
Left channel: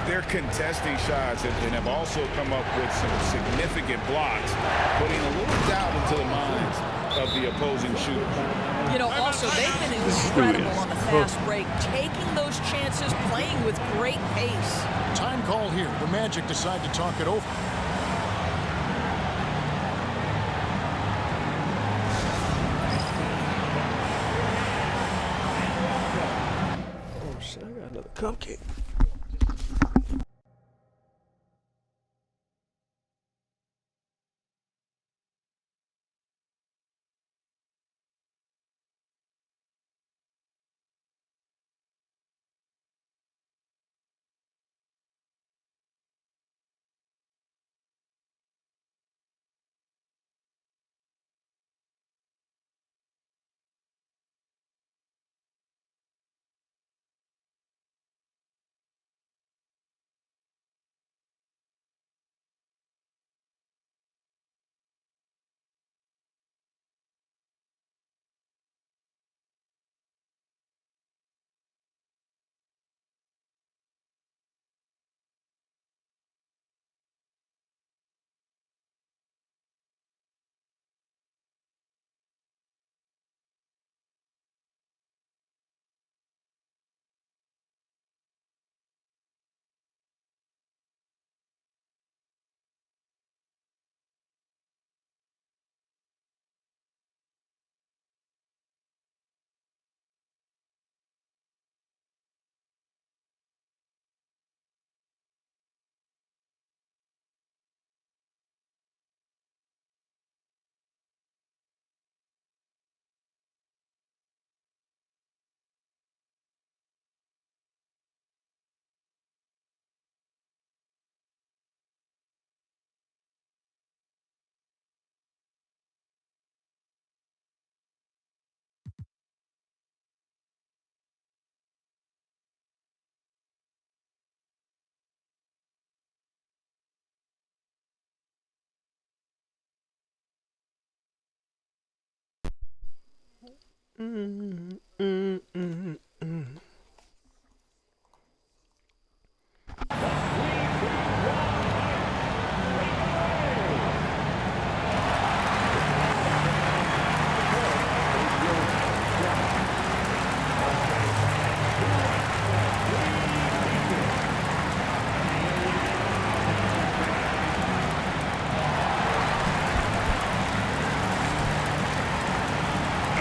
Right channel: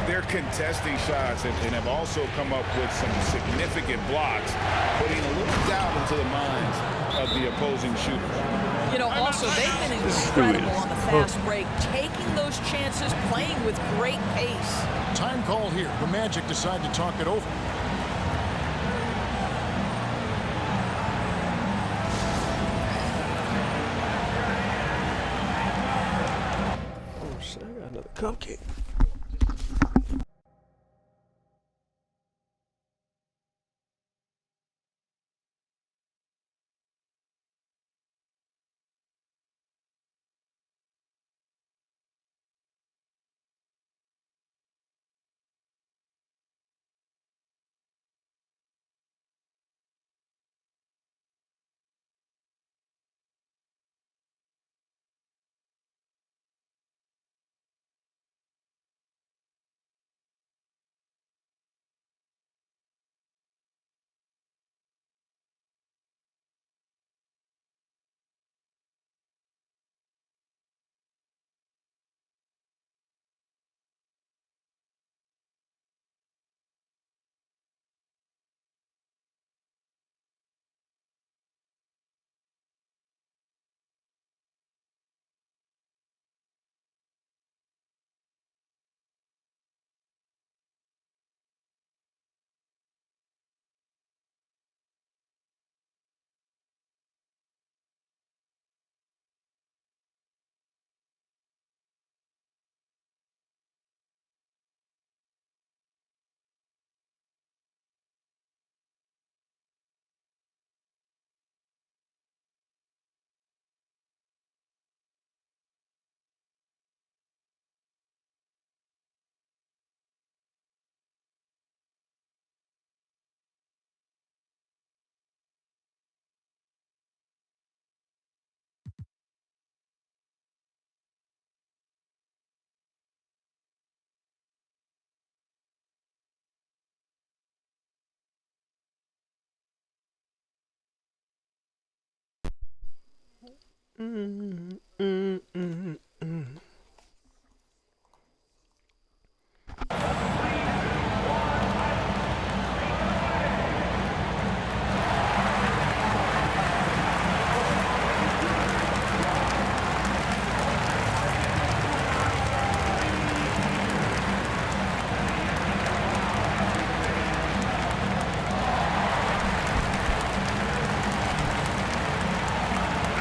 They're contesting shots and have also come up with some significant blocks, putting a little doubt into the minds of the opposing shooters. You know, also, they've been incredible on the fast break, taking those chances, playing with great pace. Time call here. The Magic decide to talk it over. Oh, shit, I got another cupcake.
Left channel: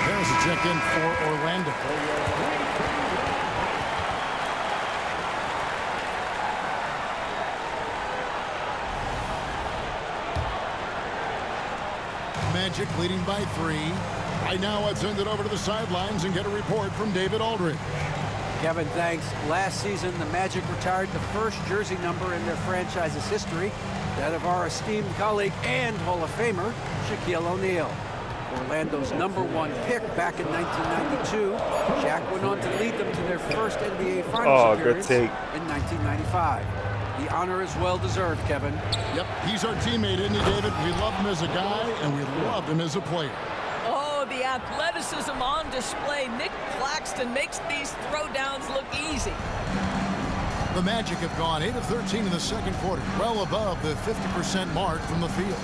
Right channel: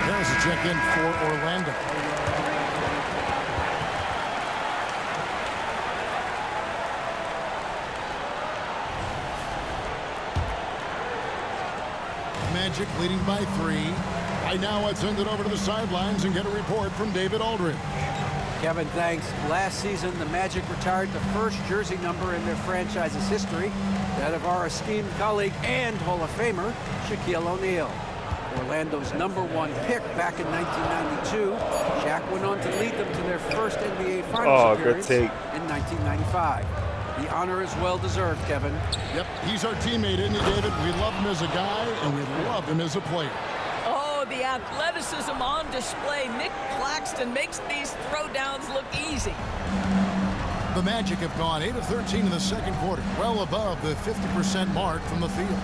There's a check-in for Orlando. Magic leading by 3. Right now, let's send it over to the sidelines and get a report from David Aldridge. Kevin, thanks. Last season, the Magic retired the first jersey number in their franchise's history, that of our esteemed colleague and Hall of Famer, Shaquille O'Neal. Orlando's #1 pick back in 1992. Shaq went on to lead them to their first NBA Finals appearance in 1995. The honor is well deserved, Kevin. Yep, he's our teammate, isn't he, David? We love him as a guy, and we love him as a player. Oh, the athleticism on display. Nick Claxton makes these throwdowns look easy. The Magic have gone 8 of 13 in the second quarter, well above the 50% mark from the field.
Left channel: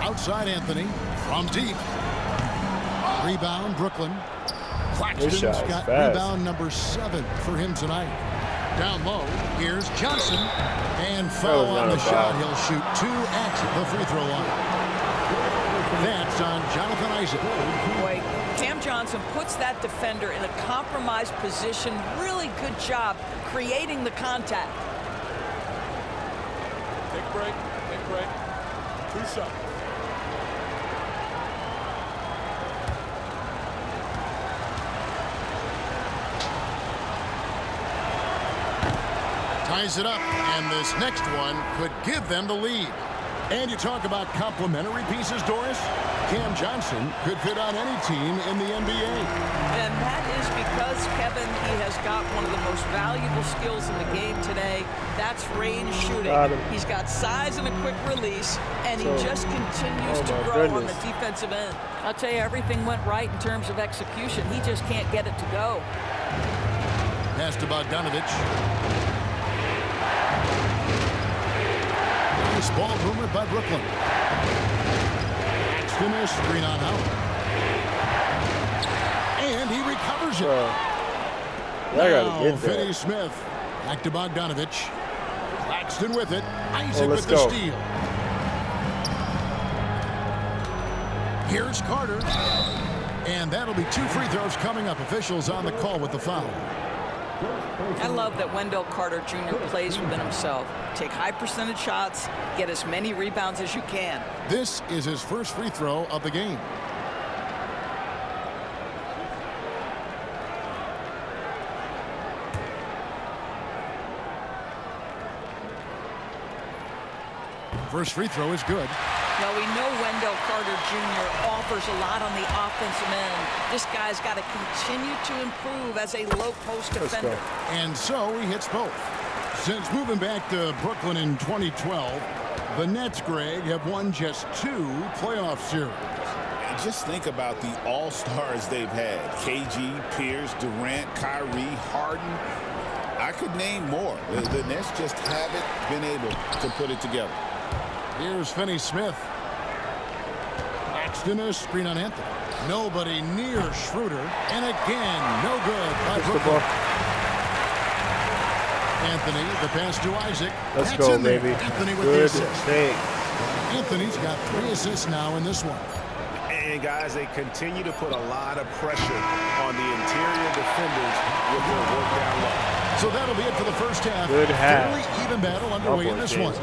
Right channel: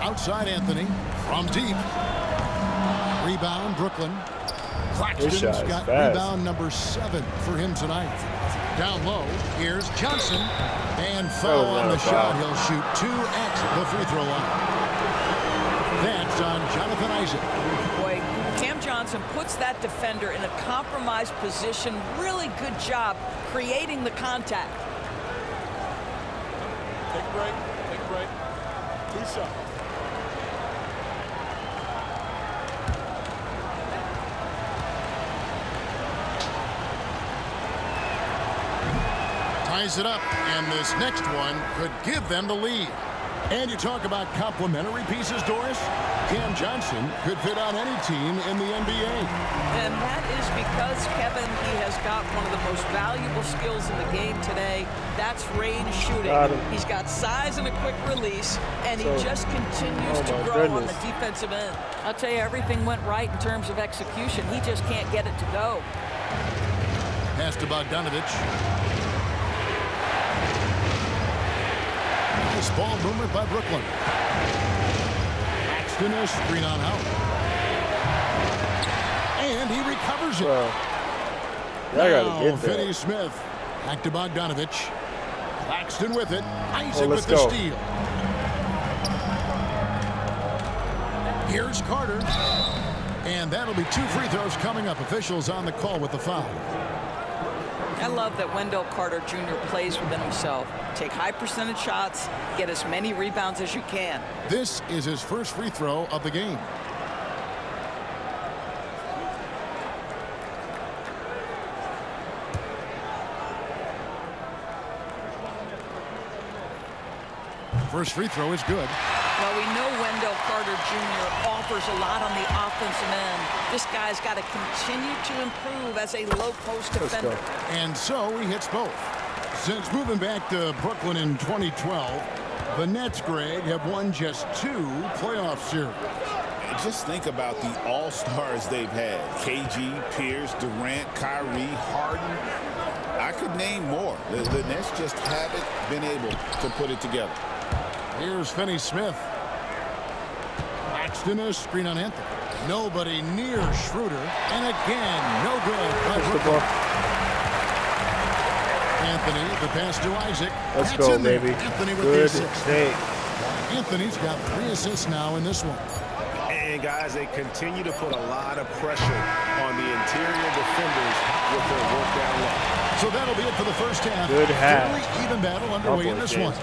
Outside Anthony, from deep. Rebound, Brooklyn. Claxton's got rebound number 7 for him tonight. Down low, here's Johnson. And foul on the shot. He'll shoot 2 at the free throw line. That's on Jonathan Isaac. Boy, Cam Johnson puts that defender in a compromised position. Really good job creating the contact. Take a break. Take a break. 2 shots. Ties it up, and this next one could give them the lead. And you talk about complementary pieces, Doris. Cam Johnson could fit on any team in the NBA. And that is because, Kevin, he has got one of the most valuable skills in the game today. That's range shooting. He's got size and a quick release, and he just continues to grow on the defensive end. I'll tell you, everything went right in terms of execution. He just can't get it to go. Pass to Bogdanovich. Nice ball movement by Brooklyn. Claxton a screen on out. And he recovers it. Now Finney Smith. Back to Bogdanovich. Claxton with it. Isaac with the steal. Here's Carter. And that'll be 2 free throws coming up. Officials on the call with the foul. I love that Wendell Carter Jr. plays within himself. Take high percentage shots, get as many rebounds as you can. This is his first free throw of the game. First free throw is good. Well, we know Wendell Carter Jr. offers a lot on the offensive end. This guy's got to continue to improve as a low-post defender. And so he hits both. Since moving back to Brooklyn in 2012, the Nets, Greg, have won just 2 playoff series. Just think about the all-stars they've had. KG, Pierce, Durant, Kyrie, Harden. I could name more. The Nets just haven't been able to put it together. Here's Finney Smith. Claxton a screen on Anthony. Nobody near Schroeder. And again, no good by Brooklyn. Anthony, the pass to Isaac. Let's go, baby. Anthony with the assist. Anthony's got 3 assists now in this one. And guys, they continue to put a lot of pressure on the interior defenders with their work down low. So that'll be it for the first half. Good half. Fairly even battle underway in this one.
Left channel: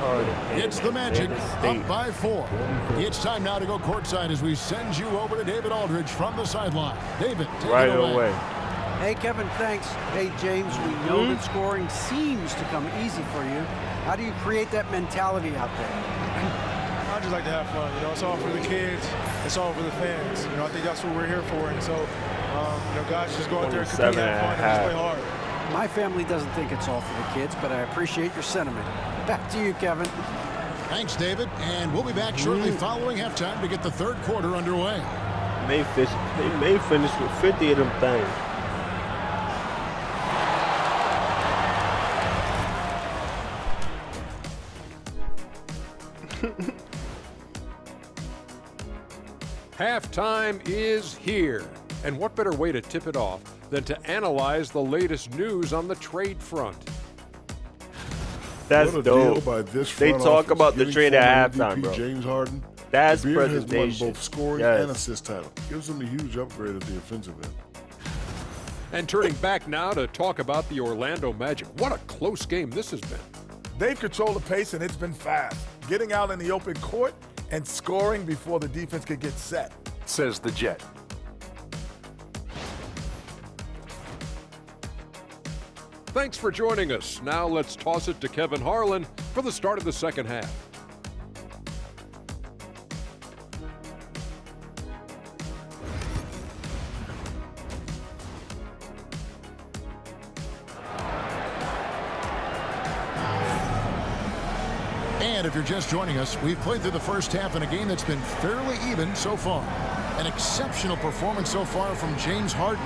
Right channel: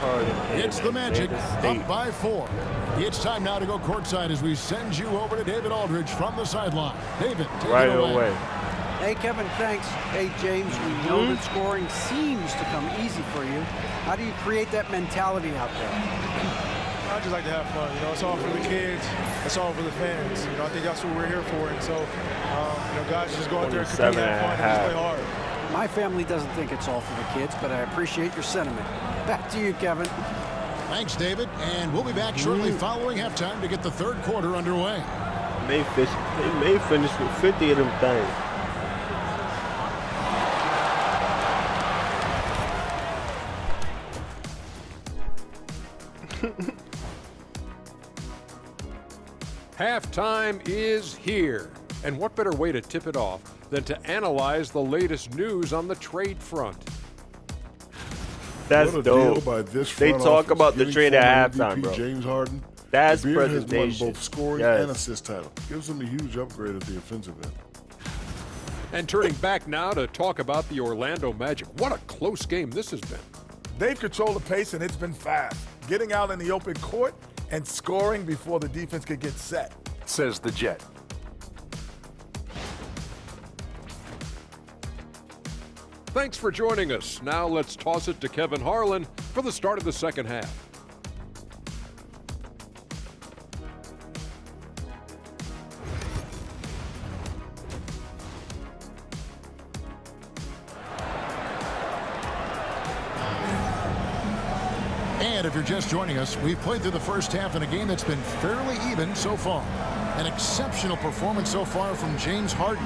It's the Magic up by 4. It's time now to go courtside as we send you over to David Aldridge from the sideline. David, take it away. Hey, Kevin, thanks. Hey, James, we know that scoring seems to come easy for you. How do you create that mentality out there? I just like to have fun. You know, it's all for the kids. It's all for the fans. You know, I think that's what we're here for. And so, you know, guys just go out there and compete, have fun, and just play hard. My family doesn't think it's all for the kids, but I appreciate your sentiment. Back to you, Kevin. Thanks, David. And we'll be back shortly following halftime to get the third quarter underway. They may finish with 50 of them things. Halftime is here. And what better way to tip it off than to analyze the latest news on the trade front? That's dope. They talk about the trade at halftime, bro. James Harden. That's Beard presentation. has won both scoring and assist title. Gives them a huge upgrade at the offensive end. And turning back now to talk about the Orlando Magic. What a close game this has been. They've controlled the pace, and it's been fast. Getting out in the open court and scoring before the defense could get set. Says the Jet. Thanks for joining us. Now let's toss it to Kevin Harlan for the start of the second half. And if you're just joining us, we've played through the first half in a game that's been fairly even so far. An exceptional performance so far from James Harden.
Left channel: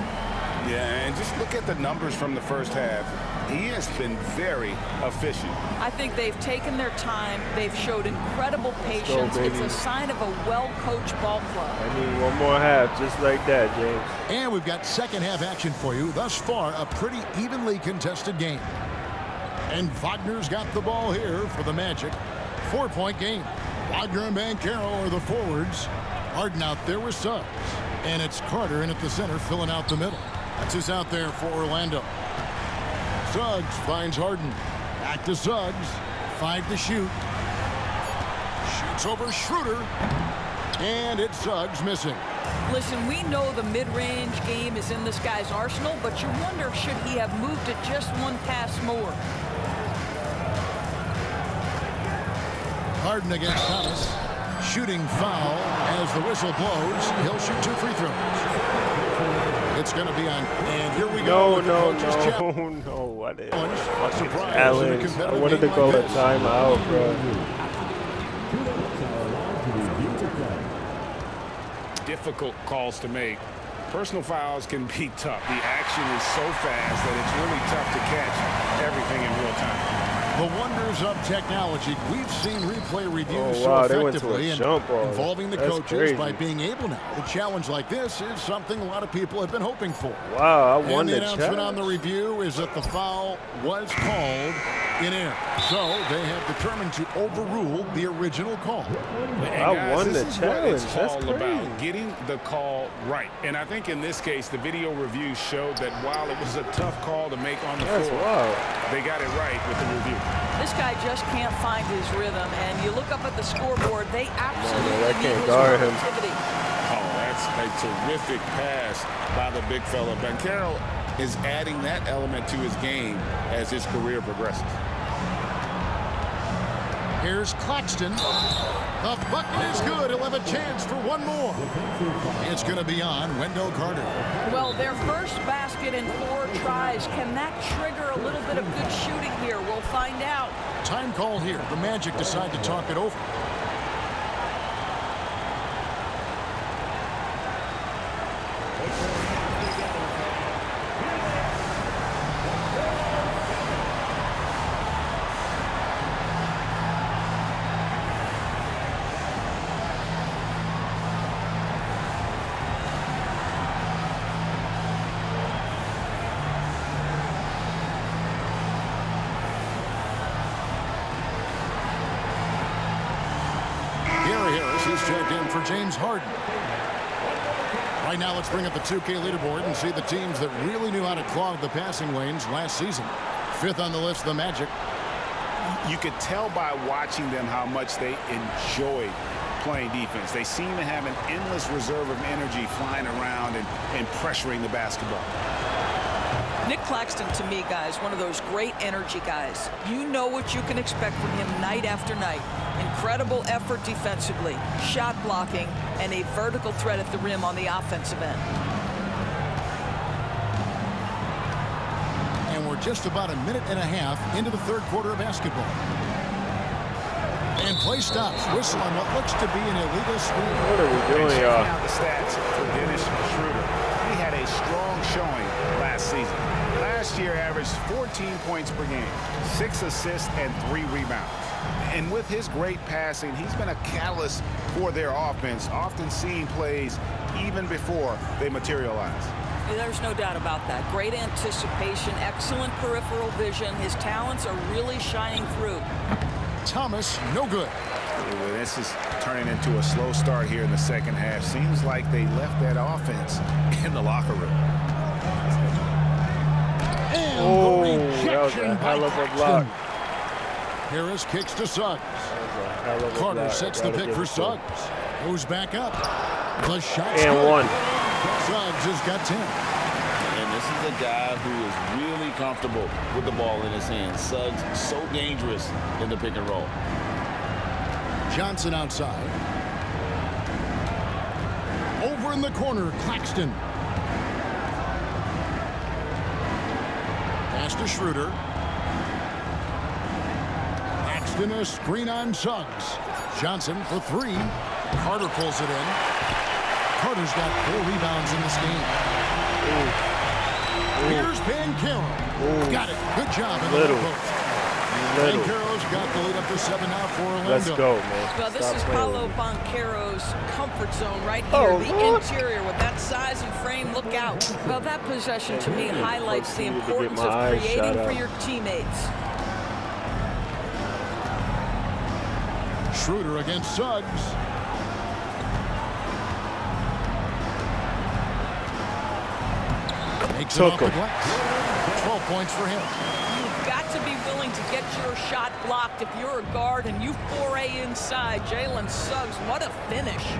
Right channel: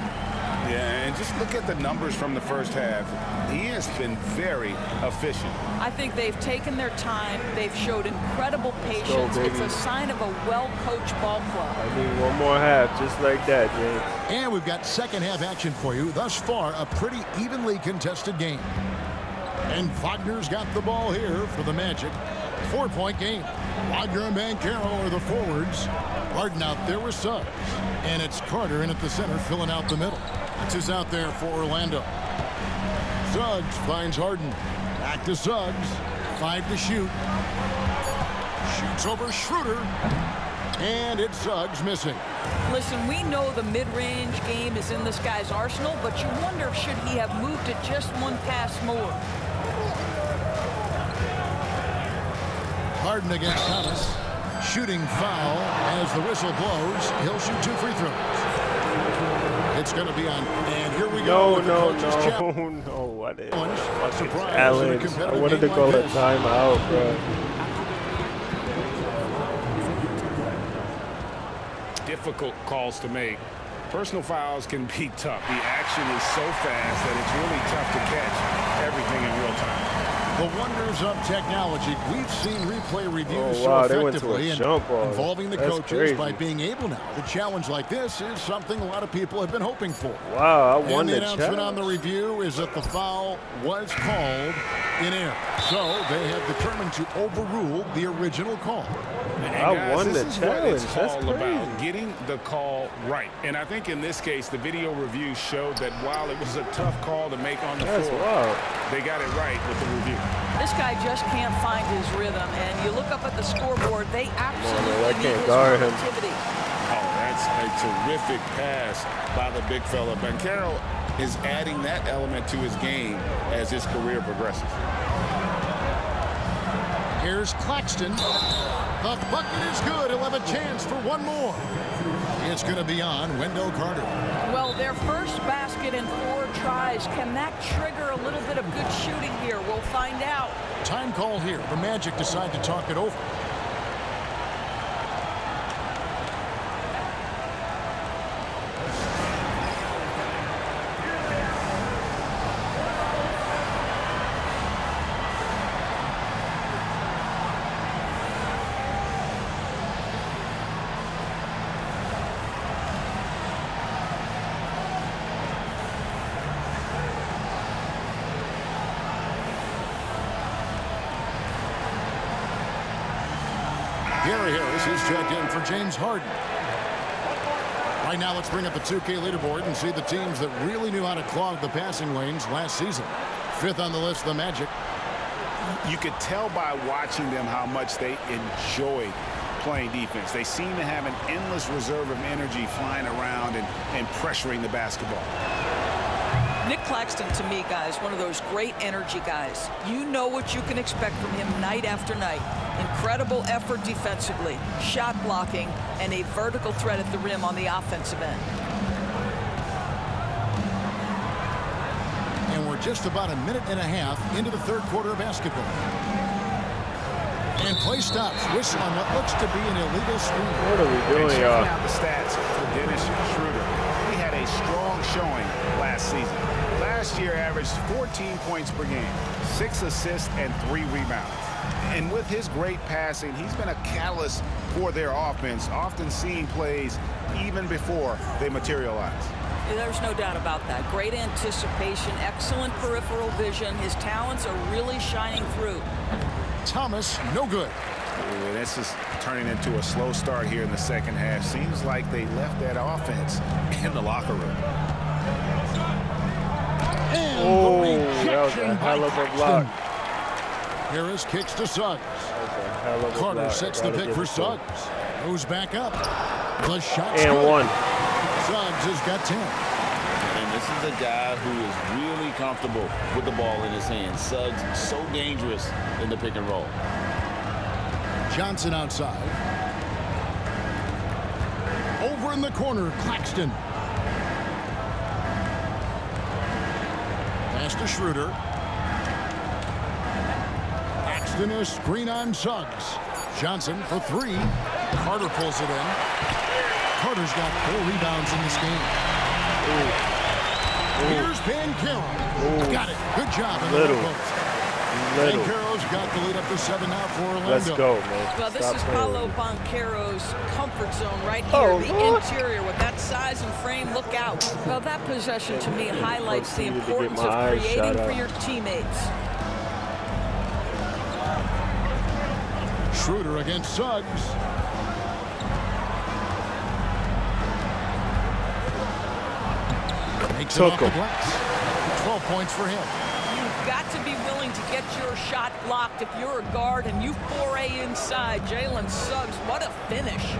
Yeah, and just look at the numbers from the first half. He has been very efficient. I think they've taken their time. They've showed incredible patience. It's a sign of a well-coached ball club. I need one more half, just like that, James. And we've got second half action for you. Thus far, a pretty evenly contested game. And Wagner's got the ball here for the Magic. 4-point game. Wagner and Banchero are the forwards. Harden out there with Suggs. And it's Carter in at the center, filling out the middle. That's who's out there for Orlando. Suggs finds Harden. Back to Suggs. 5 to shoot. Shoots over Schroeder. And it's Suggs missing. Listen, we know the mid-range game is in this guy's arsenal, but you wonder, should he have moved it just one pass more? Harden against Thomas. Shooting foul as the whistle blows. He'll shoot 2 free throws. It's going to be on. And here we go. No. I didn't. Challenge. I wanted to call a timeout, bro. Difficult calls to make. Personal fouls can be tough. The action is so fast that it's really tough to catch everything in real time. The wonders of technology. We've seen replay reviews so effectively involving the coaches by being able now. The challenge like this is something a lot of people have been hoping for. Wow, I won the the announcement challenge. on the review is that the foul was called in error. So they have determined to overrule the original call. I won the challenge. That's all about getting the call right. And I think in this case, the video review showed that while it was a tough call to make on the floor, they got it right with the review. This guy just can't find his rhythm, and you look up at the scoreboard, they absolutely need his productivity. Oh, that's a terrific pass by the big fella. Banchero is adding that element to his game as his career progresses. Here's Claxton. The bucket is good. He'll have a chance for one more. It's going to be on Wendell Carter. Well, their first basket in 4 tries. Can that trigger a little bit of good shooting here? We'll find out. Time called here. The Magic decide to talk it over. Gary Harris is checked in for James Harden. Right now, let's bring up the 2K leaderboard and see the teams that really knew how to clog the passing lanes last season. 5th on the list, the Magic. You could tell by watching them how much they enjoyed playing defense. They seem to have an endless reserve of energy flying around and pressuring the basketball. Nick Claxton, to me, guys, one of those great energy guys. You know what you can expect from him night after night. Incredible effort defensively, shot blocking, and a vertical threat at the rim on the offensive end. And we're just about a minute and a half into the 3rd quarter of basketball. And play stops. Whistle on what looks to be an illegal screen. What are we doing, y'all? Checking out the stats for Dennis Schroeder. He had a strong showing last season. Last year averaged 14 points per game, 6 assists, and 3 rebounds. And with his great passing, he's been a catalyst for their offense, often seeing plays even before they materialize. There's no doubt about that. Great anticipation, excellent peripheral vision. His talents are really shining through. Thomas, no good. Ooh, this is turning into a slow start here in the second half. Seems like they left that offense in the locker room. And the that was a hell of a block. Harris kicks to Suggs. That was a hell of a Carter block. sets the pick for Suggs. Goes back up. The shot's and good. 1. Suggs has got 10. And this is a guy who is really comfortable with the ball in his hands. Suggs so dangerous in the pick and roll. Johnson outside. Over in the corner, Claxton. Pass to Schroeder. Claxton a screen on Suggs. Johnson for three. Carter pulls it in. Carter's got 4 rebounds in this game. Here's Banchero. Got it. Good job in the low post. Banchero's got the lead up to 7 now for Orlando. Let's go, man. Well, this is Paolo Banchero's comfort zone right here. The interior with that size and frame. Look out. Well, that possession to me highlights the importance of creating for your teammates. Schroeder against Suggs. Makes it off the glass. 12 points for him. You've got to be willing to get your shot blocked if you're a guard and you foray inside. Jalen Suggs, what a finish.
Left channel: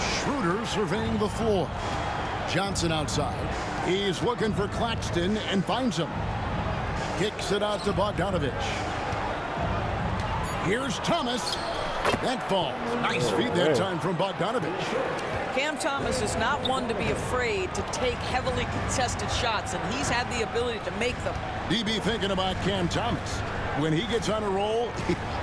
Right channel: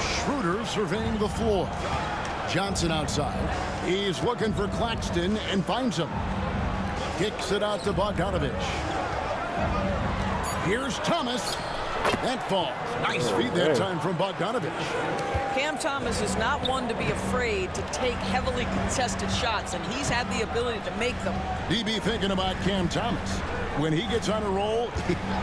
Schroeder surveying the floor. Johnson outside. He's looking for Claxton and finds him. Kicks it out to Bogdanovich. Here's Thomas. That falls. Nice feed that time from Bogdanovich. Cam Thomas is not one to be afraid to take heavily contested shots, and he's had the ability to make them. DB thinking about Cam Thomas. When he gets on a roll,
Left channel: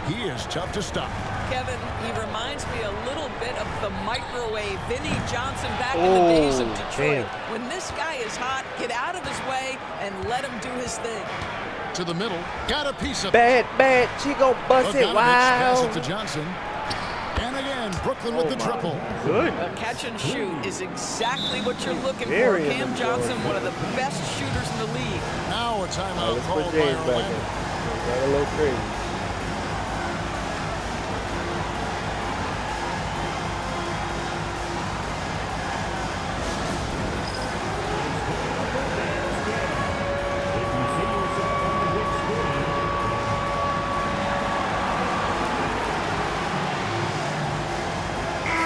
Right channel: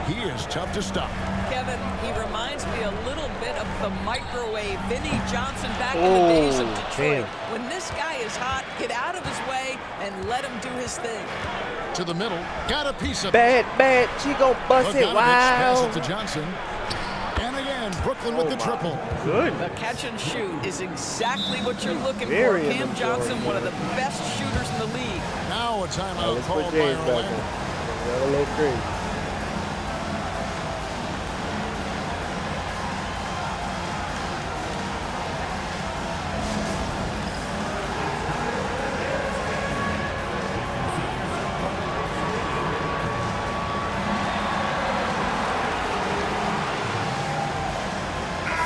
he is tough to stop. Kevin, he reminds me a little bit of the microwave Vinnie Johnson back in the days of Detroit. When this guy is hot, get out of his way and let him do his thing. To the middle, got a piece of bad. She gon' bust it. Wow. Pass it to Johnson. And again, Brooklyn with the triple. Good. A catch and shoot is exactly what you're looking for. Cam Johnson, one of the best shooters in the league. Now a timeout called by Orlando. Got a little crazy.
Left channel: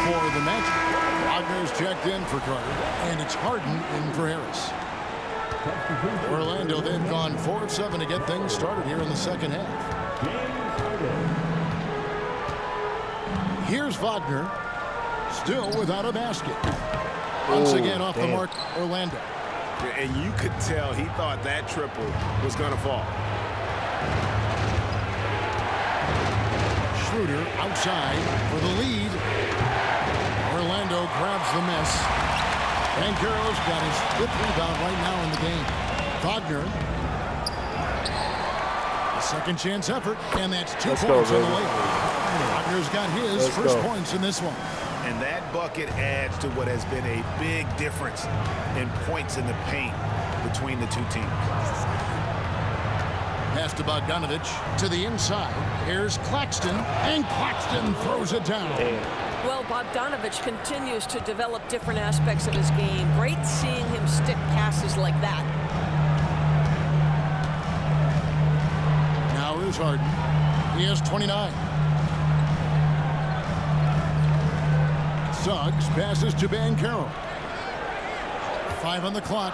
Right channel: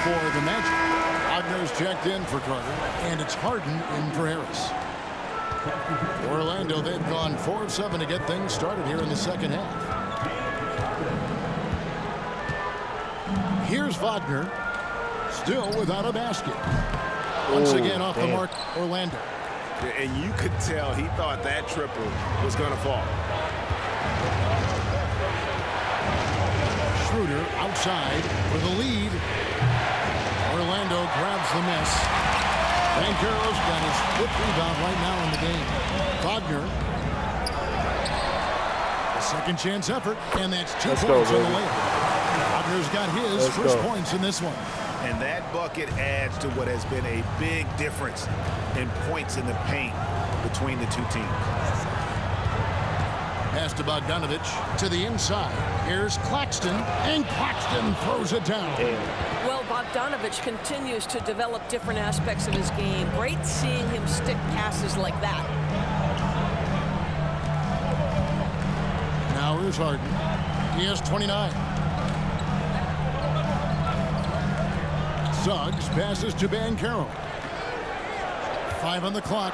For the Magic, Wagner's checked in for Carter, and it's Harden in for Harris. Orlando, they've gone 4 of 7 to get things started here in the second half. Here's Wagner, still without a basket. Once again off the mark, Orlando. And you could tell he thought that triple was going to fall. Schroeder outside for the lead. Orlando grabs the miss. Banchero's got his 5th rebound right now in the game. Wagner. A second chance effort, and that's 2 points on the layup. Wagner's got his first points in this one. And that bucket adds to what has been a big difference in points in the paint between the two teams. Pass to Bogdanovich to the inside. Here's Claxton, and Claxton throws it down. Well, Bogdanovich continues to develop different aspects of his game. Great seeing him stick passes like that. Now here's Harden. He has 29. Suggs passes to Banchero. 5 on the clock.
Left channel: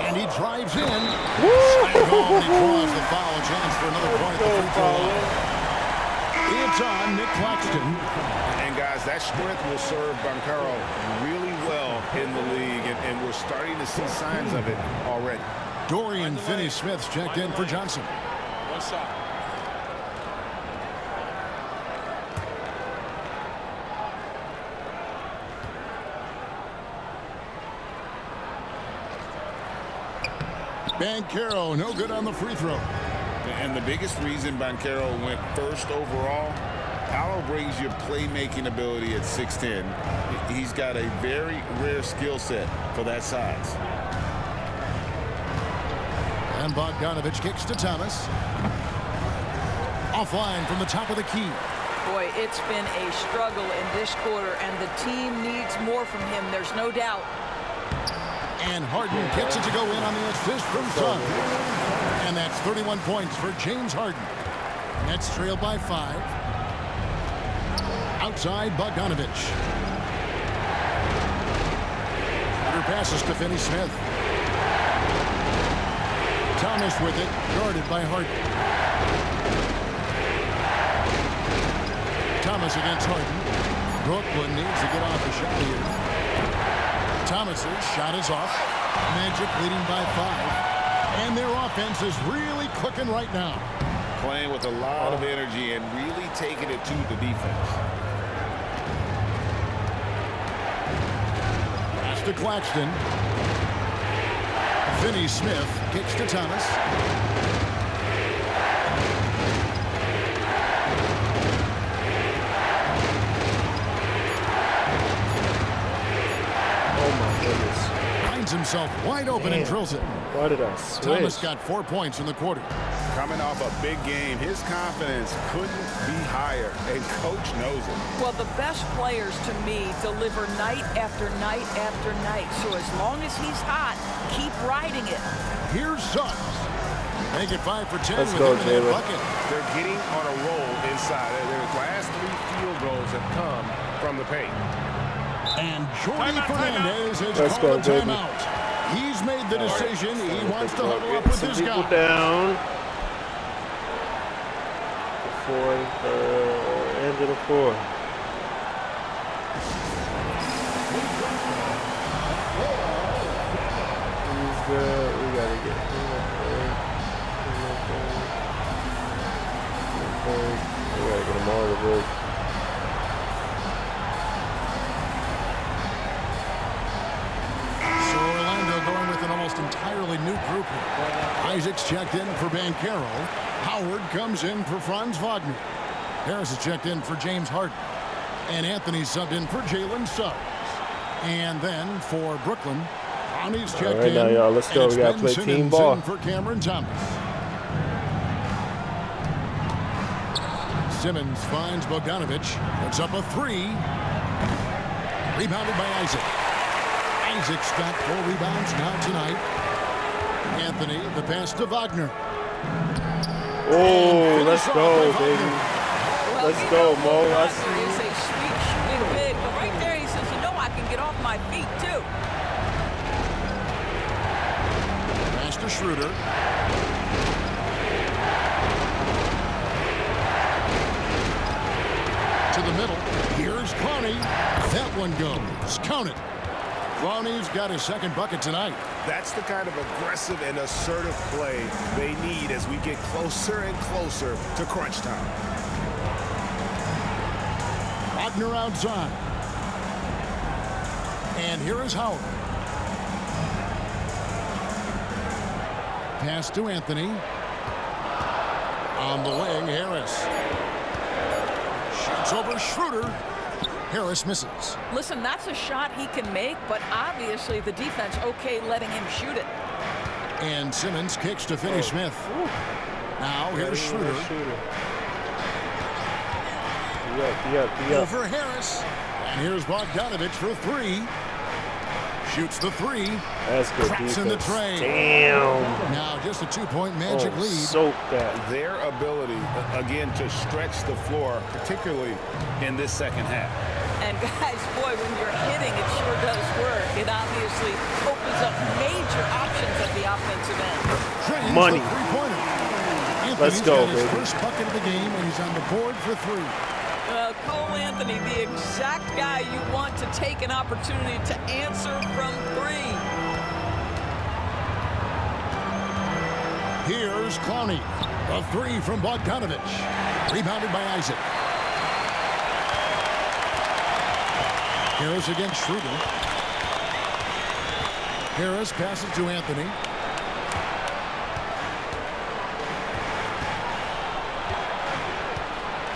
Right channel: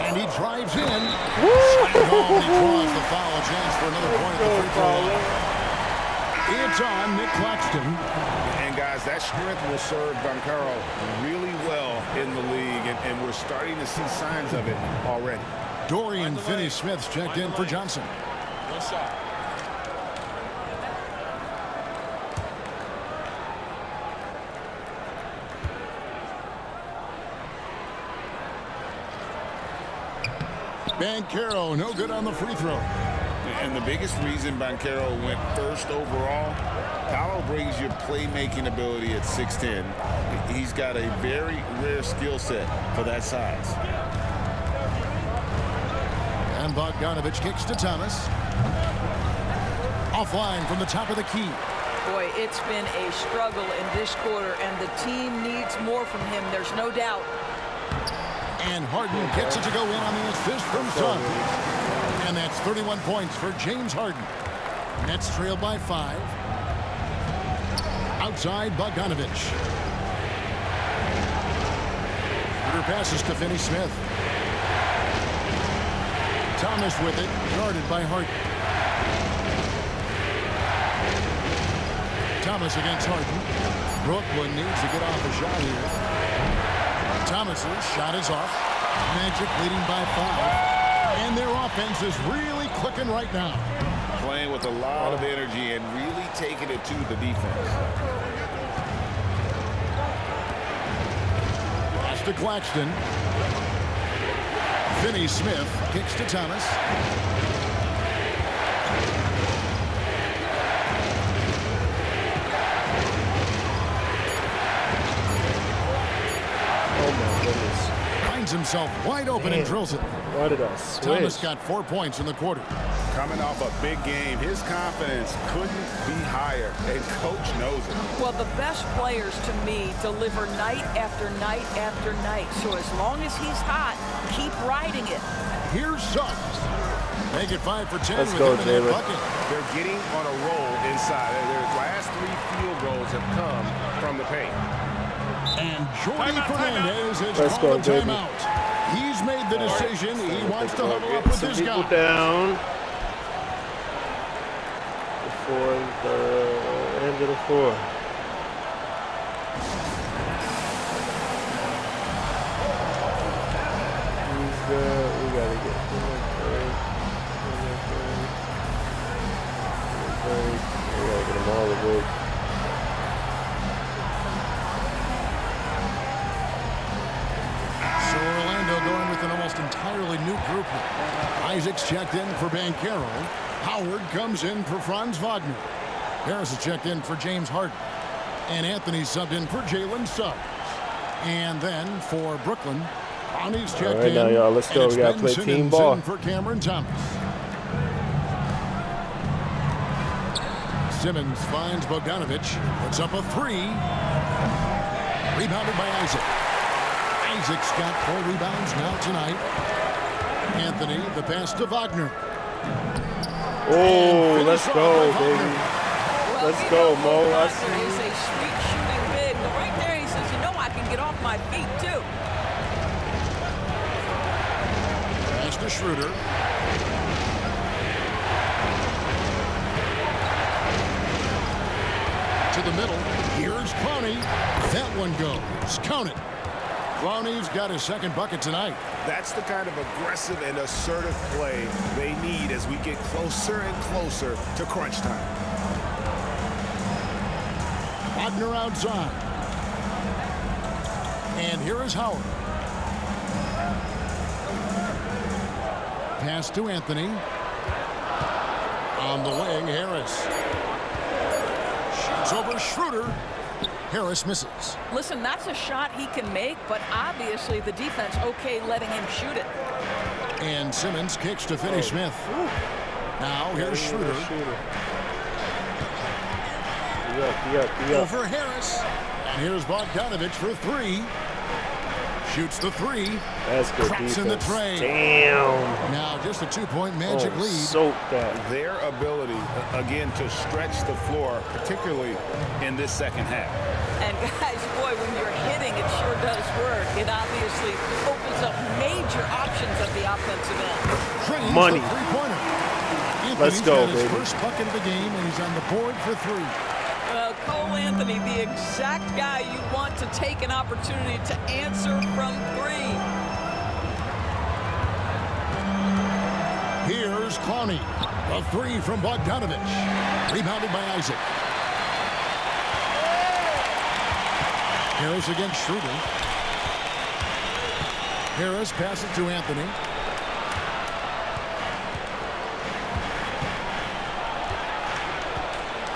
And he drives in. Seinfeld, he draws the foul. A chance for another point at the free throw line. It's on Nick Claxton. And guys, that strength will serve Banchero really well in the league, and we're starting to see signs of it already. Dorian Finney-Smith's checked in for Johnson. One shot. Banchero, no good on the free throw. And the biggest reason Banchero went first overall, Paolo brings you playmaking ability at 6'10". He's got a very rare skill set for that size. And Bogdanovich kicks to Thomas. Offline from the top of the key. Boy, it's been a struggle in this quarter, and the team needs more from him. There's no doubt. And Harden gets it to go in on the assist from Suggs. And that's 31 points for James Harden. Nets trailed by 5. Outside, Bogdanovich. Under passes to Finney-Smith. Thomas with it, guarded by Harden. Thomas against Harden. Brooklyn needs to get off a shot here. Thomas's shot is off. Magic leading by 5. And their offense is really clicking right now. Playing with a lot of energy and really taking it to the defense. Pass to Claxton. Finney Smith kicks to Thomas. Oh my goodness. Finds himself wide open and drills it. Why did I switch? Thomas got 4 points in the quarter. Coming off a big game, his confidence couldn't be higher, and coach knows it. Well, the best players to me deliver night after night after night. So as long as he's hot, keep riding it. Here's Suggs. Make it 5 for 10 Let's with go, him in that Jalen. bucket. They're getting on a roll inside. Their last 3 field goals have come from the paint. And Jordy Fernandez has Let's called go, a baby. timeout. He's made the decision. He wants to Get huddle up with some his people guy. down before the end of the 4. He's good. We gotta get him a break. We gotta get them all a break. So Orlando going with an almost entirely new group here. Isaac's checked in for Banchero. Howard comes in for Franz Wagner. Harris is checked in for James Harden. And Anthony subbed in for Jalen Suggs. And then for Brooklyn, Ronnie's checked right, in. now, y'all, let's and go. it's We gotta Ben play Simmons team ball. in for Cameron Thomas. Simmons finds Bogdanovich. Puts up a 3. Rebounded by Isaac. Isaac's got 4 rebounds now tonight. Anthony, the pass to Wagner. Oh, let's go, baby. Well, Let's go, Mo. I Wagner is a sweet shooting big, but right there he says, you know, I can get off my feet too. Pass to Schroeder. To the middle. Here's Clowney. That one goes. Count it. Clowney's got his 2nd bucket tonight. That's the kind of aggressive and assertive play they need as we get closer and closer to crunch time. Wagner outside. And here is Howard. Pass to Anthony. On the wing, Harris. Shoots over Schroeder. Harris misses. Listen, that's a shot he can make, but obviously the defense okay letting him shoot it. And Simmons kicks to Finney Smith. Now here's Schroeder. Over Harris. And here's Bogdanovich for 3. Shoots the 3. That's good Cracks in the defense. tray. Damn. Now just a 2-point Magic lead. Soak that. Their ability, again, to stretch the floor, particularly in this second half. And guys, boy, when you're hitting, it sure does work. It obviously opens up major options at the offensive end. Trains Money. the 3-pointer. Let's go, got his baby. first bucket of the game, and he's on the board for 3. Cole Anthony, the exact guy you want to take an opportunity to answer from 3. Here's Clowney. The 3 from Bogdanovich. Rebounded by Isaac. Harris against Schroeder. Harris passes to Anthony.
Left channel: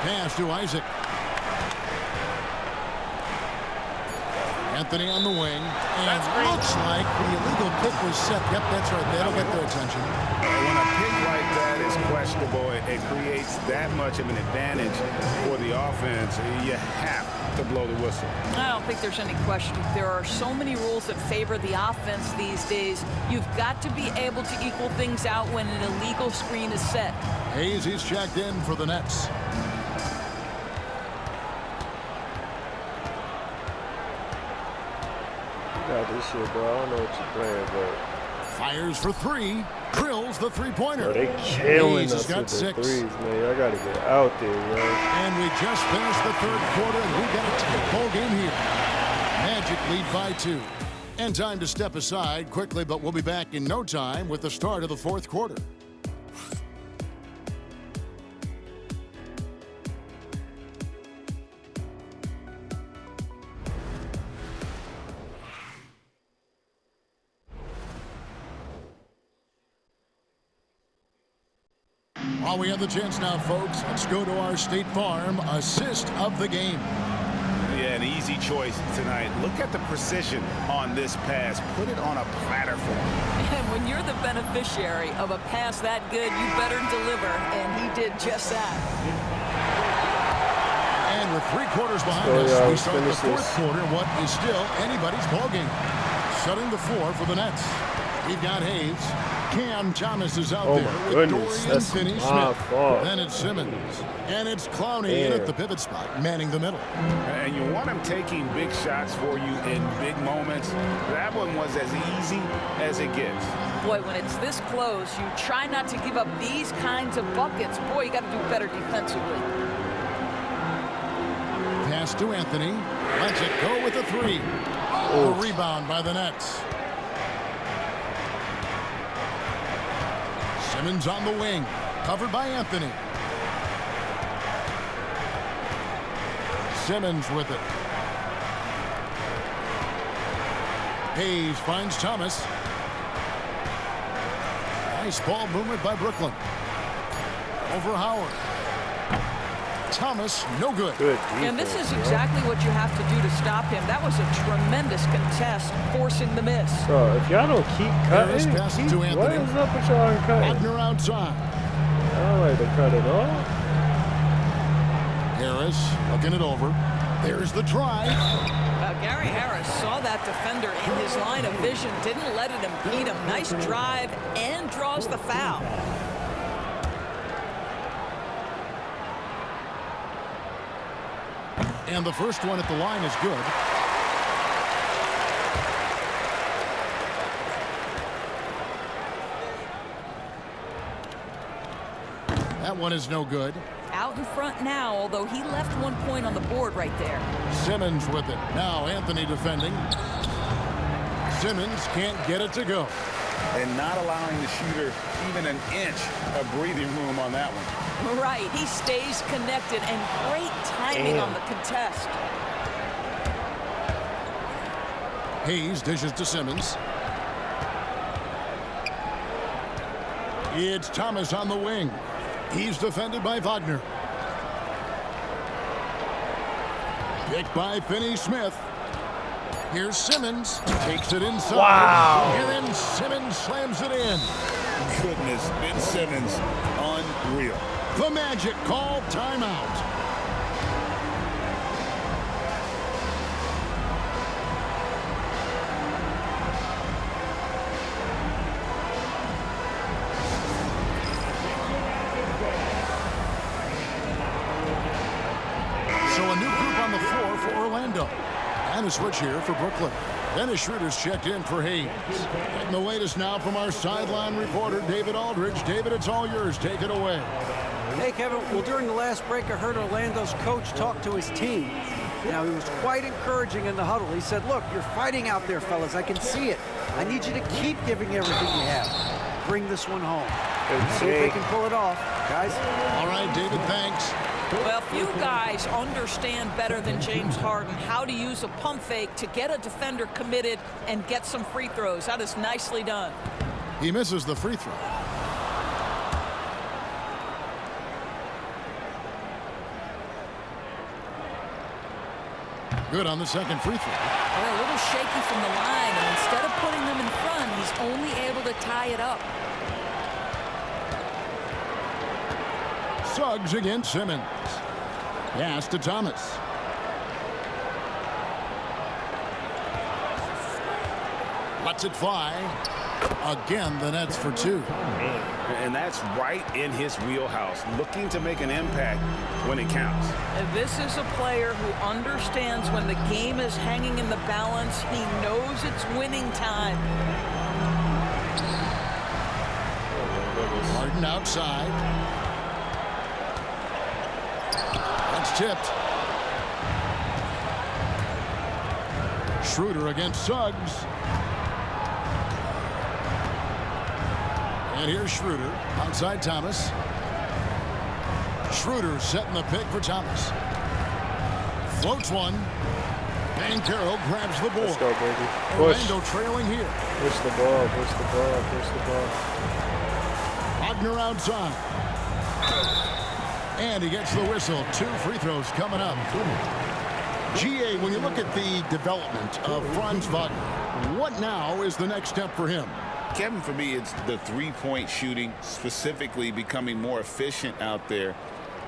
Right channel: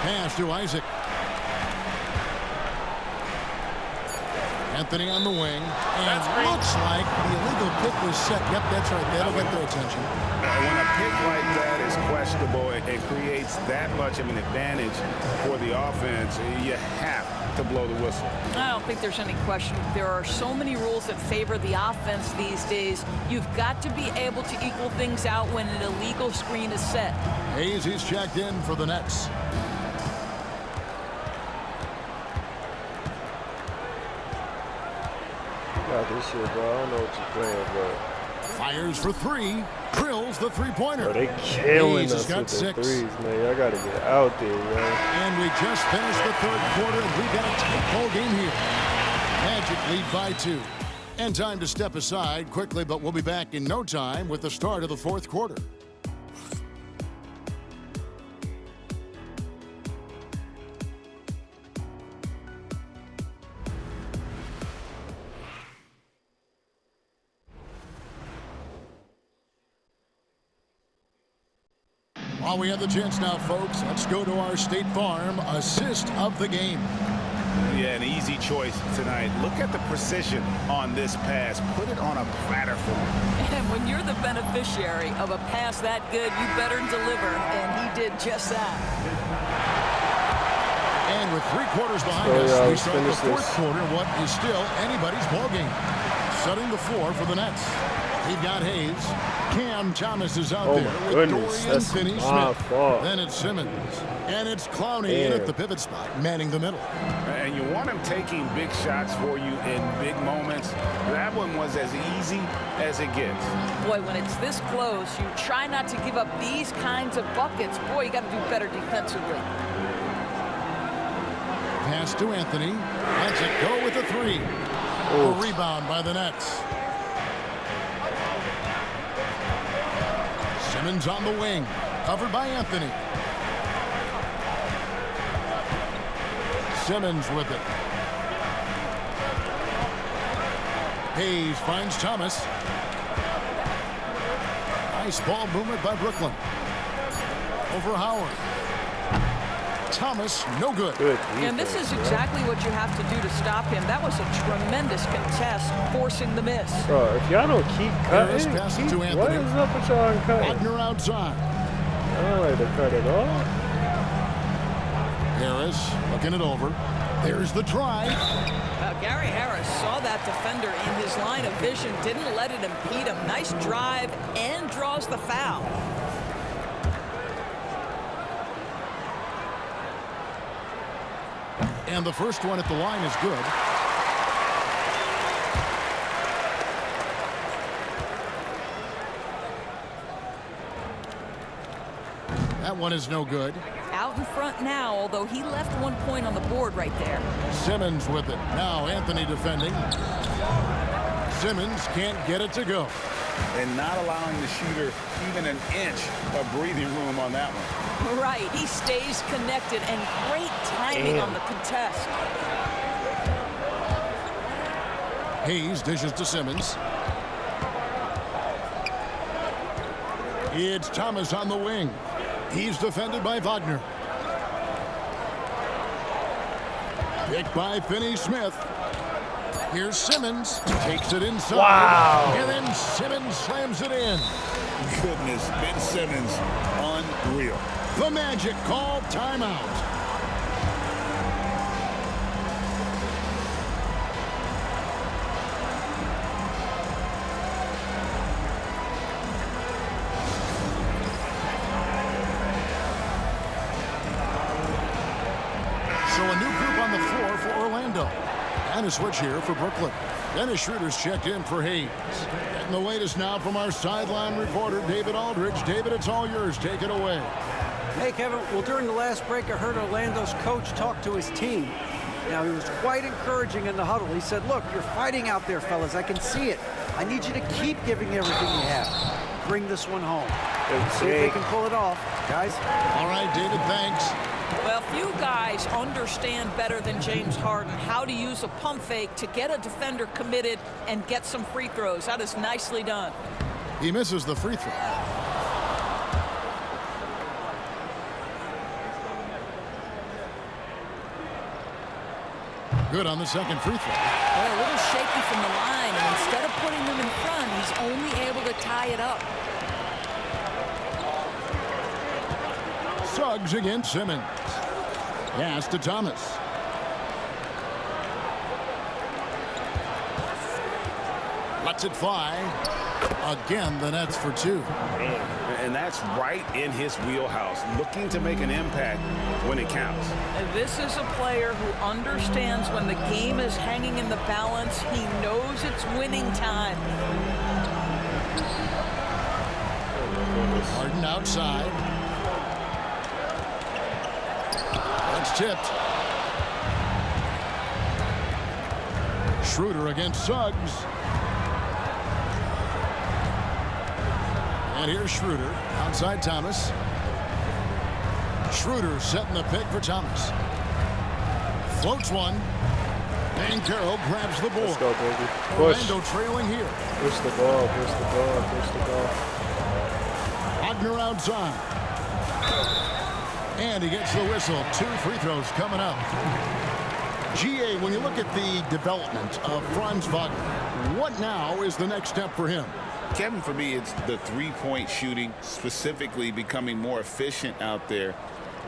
Pass to Isaac. Anthony on the wing. And looks like the illegal pick was set. Yep, that's right. That'll get their attention. When a pick like that is questionable, it creates that much of an advantage for the offense. You have to blow the whistle. I don't think there's any question. There are so many rules that favor the offense these days. You've got to be able to equal things out when an illegal screen is set. Hayes, he's checked in for the Nets. You got this shit, bro. I don't know what you're playing, bro. Fires for 3. Drills the 3-pointer. Bro, they killing Hayes us has got with the 6. threes, man. Y'all got to get out there, yo. And we just finished the 3rd quarter, and we've got a tight ball game here. Magic lead by 2. And time to step aside quickly, but we'll be back in no time with the start of the fourth quarter. While we have the chance now, folks, let's go to our State Farm assist of the game. Yeah, an easy choice tonight. Look at the precision on this pass. Put it on a platter for him. And when you're the beneficiary of a pass that good, you better deliver, and he did just that. And with 3 quarters behind us, we start the fourth quarter, what is still anybody's ballgame. Setting the floor for the Nets. We've got Hayes. Cam Thomas is out there with Dorian Finney-Smith. Then it's Simmons. And it's Clowney in at the pivot spot, manning the middle. And you want him taking big shots for you in big moments. That one was as easy as it gets. Boy, when it's this close, you try not to give up these kinds of buckets. Boy, you got to do better defensively. Pass to Anthony. Lets it go with a 3. A rebound by the Nets. Simmons on the wing, covered by Anthony. Simmons with it. Hayes finds Thomas. Nice ball movement by Brooklyn. Over Howard. Thomas, no good. And this is exactly what you have to do to stop him. That was a tremendous contest, forcing the miss. Bro, if y'all don't keep cutting, what is up with y'all and cutting? Wagner outside. I don't like to cut it off. Harris looking it over. There's the drive. Well, Gary Harris saw that defender in his line of vision, didn't let it impede him. Nice drive and draws the foul. And the first one at the line is good. That one is no good. Out in front now, although he left 1 point on the board right there. Simmons with it. Now Anthony defending. Simmons can't get it to go. And not allowing the shooter even an inch of breathing room on that one. Right, he stays connected, and great timing on the contest. Hayes dishes to Simmons. It's Thomas on the wing. He's defended by Wagner. Picked by Finney-Smith. Here's Simmons. Takes it inside. Wow. And then Simmons slams it in. Goodness, Ben Simmons, unreal. The Magic call timeout. So a new group on the floor for Orlando. And a switch here for Brooklyn. Dennis Schroeder's checked in for Hayes. Getting the latest now from our sideline reporter, David Aldridge. David, it's all yours. Take it away. Hey, Kevin. Well, during the last break, I heard Orlando's coach talk to his team. Now, he was quite encouraging in the huddle. He said, look, you're fighting out there, fellas. I can see it. I need you to keep giving everything you have. Bring this one home. See if they can pull it off, guys. All right, David, thanks. Well, few guys understand better than James Harden how to use a pump fake to get a defender committed and get some free throws. That is nicely done. He misses the free throw. Good on the second free throw. Well, a little shaky from the line, and instead of putting them in front, he's only able to tie it up. Suggs against Simmons. Pass to Thomas. Lets it fly. Again, the Nets for 2. Man. And that's right in his wheelhouse, looking to make an impact when it counts. And this is a player who understands when the game is hanging in the balance. He knows it's winning time. Harden outside. That's tipped. Schroeder against Suggs. And here's Schroeder. Outside Thomas. Schroeder setting the pick for Thomas. Floats one. Banchero grabs the ball. Let's go, baby. Push. Orlando trailing here. Push the ball, push the ball, push the ball. Wagner outside. And he gets the whistle. 2 free throws coming up. GA, when you look at the development of Franz Wagner, what now is the next step for him? Kevin, for me, it's the three-point shooting, specifically becoming more efficient out there.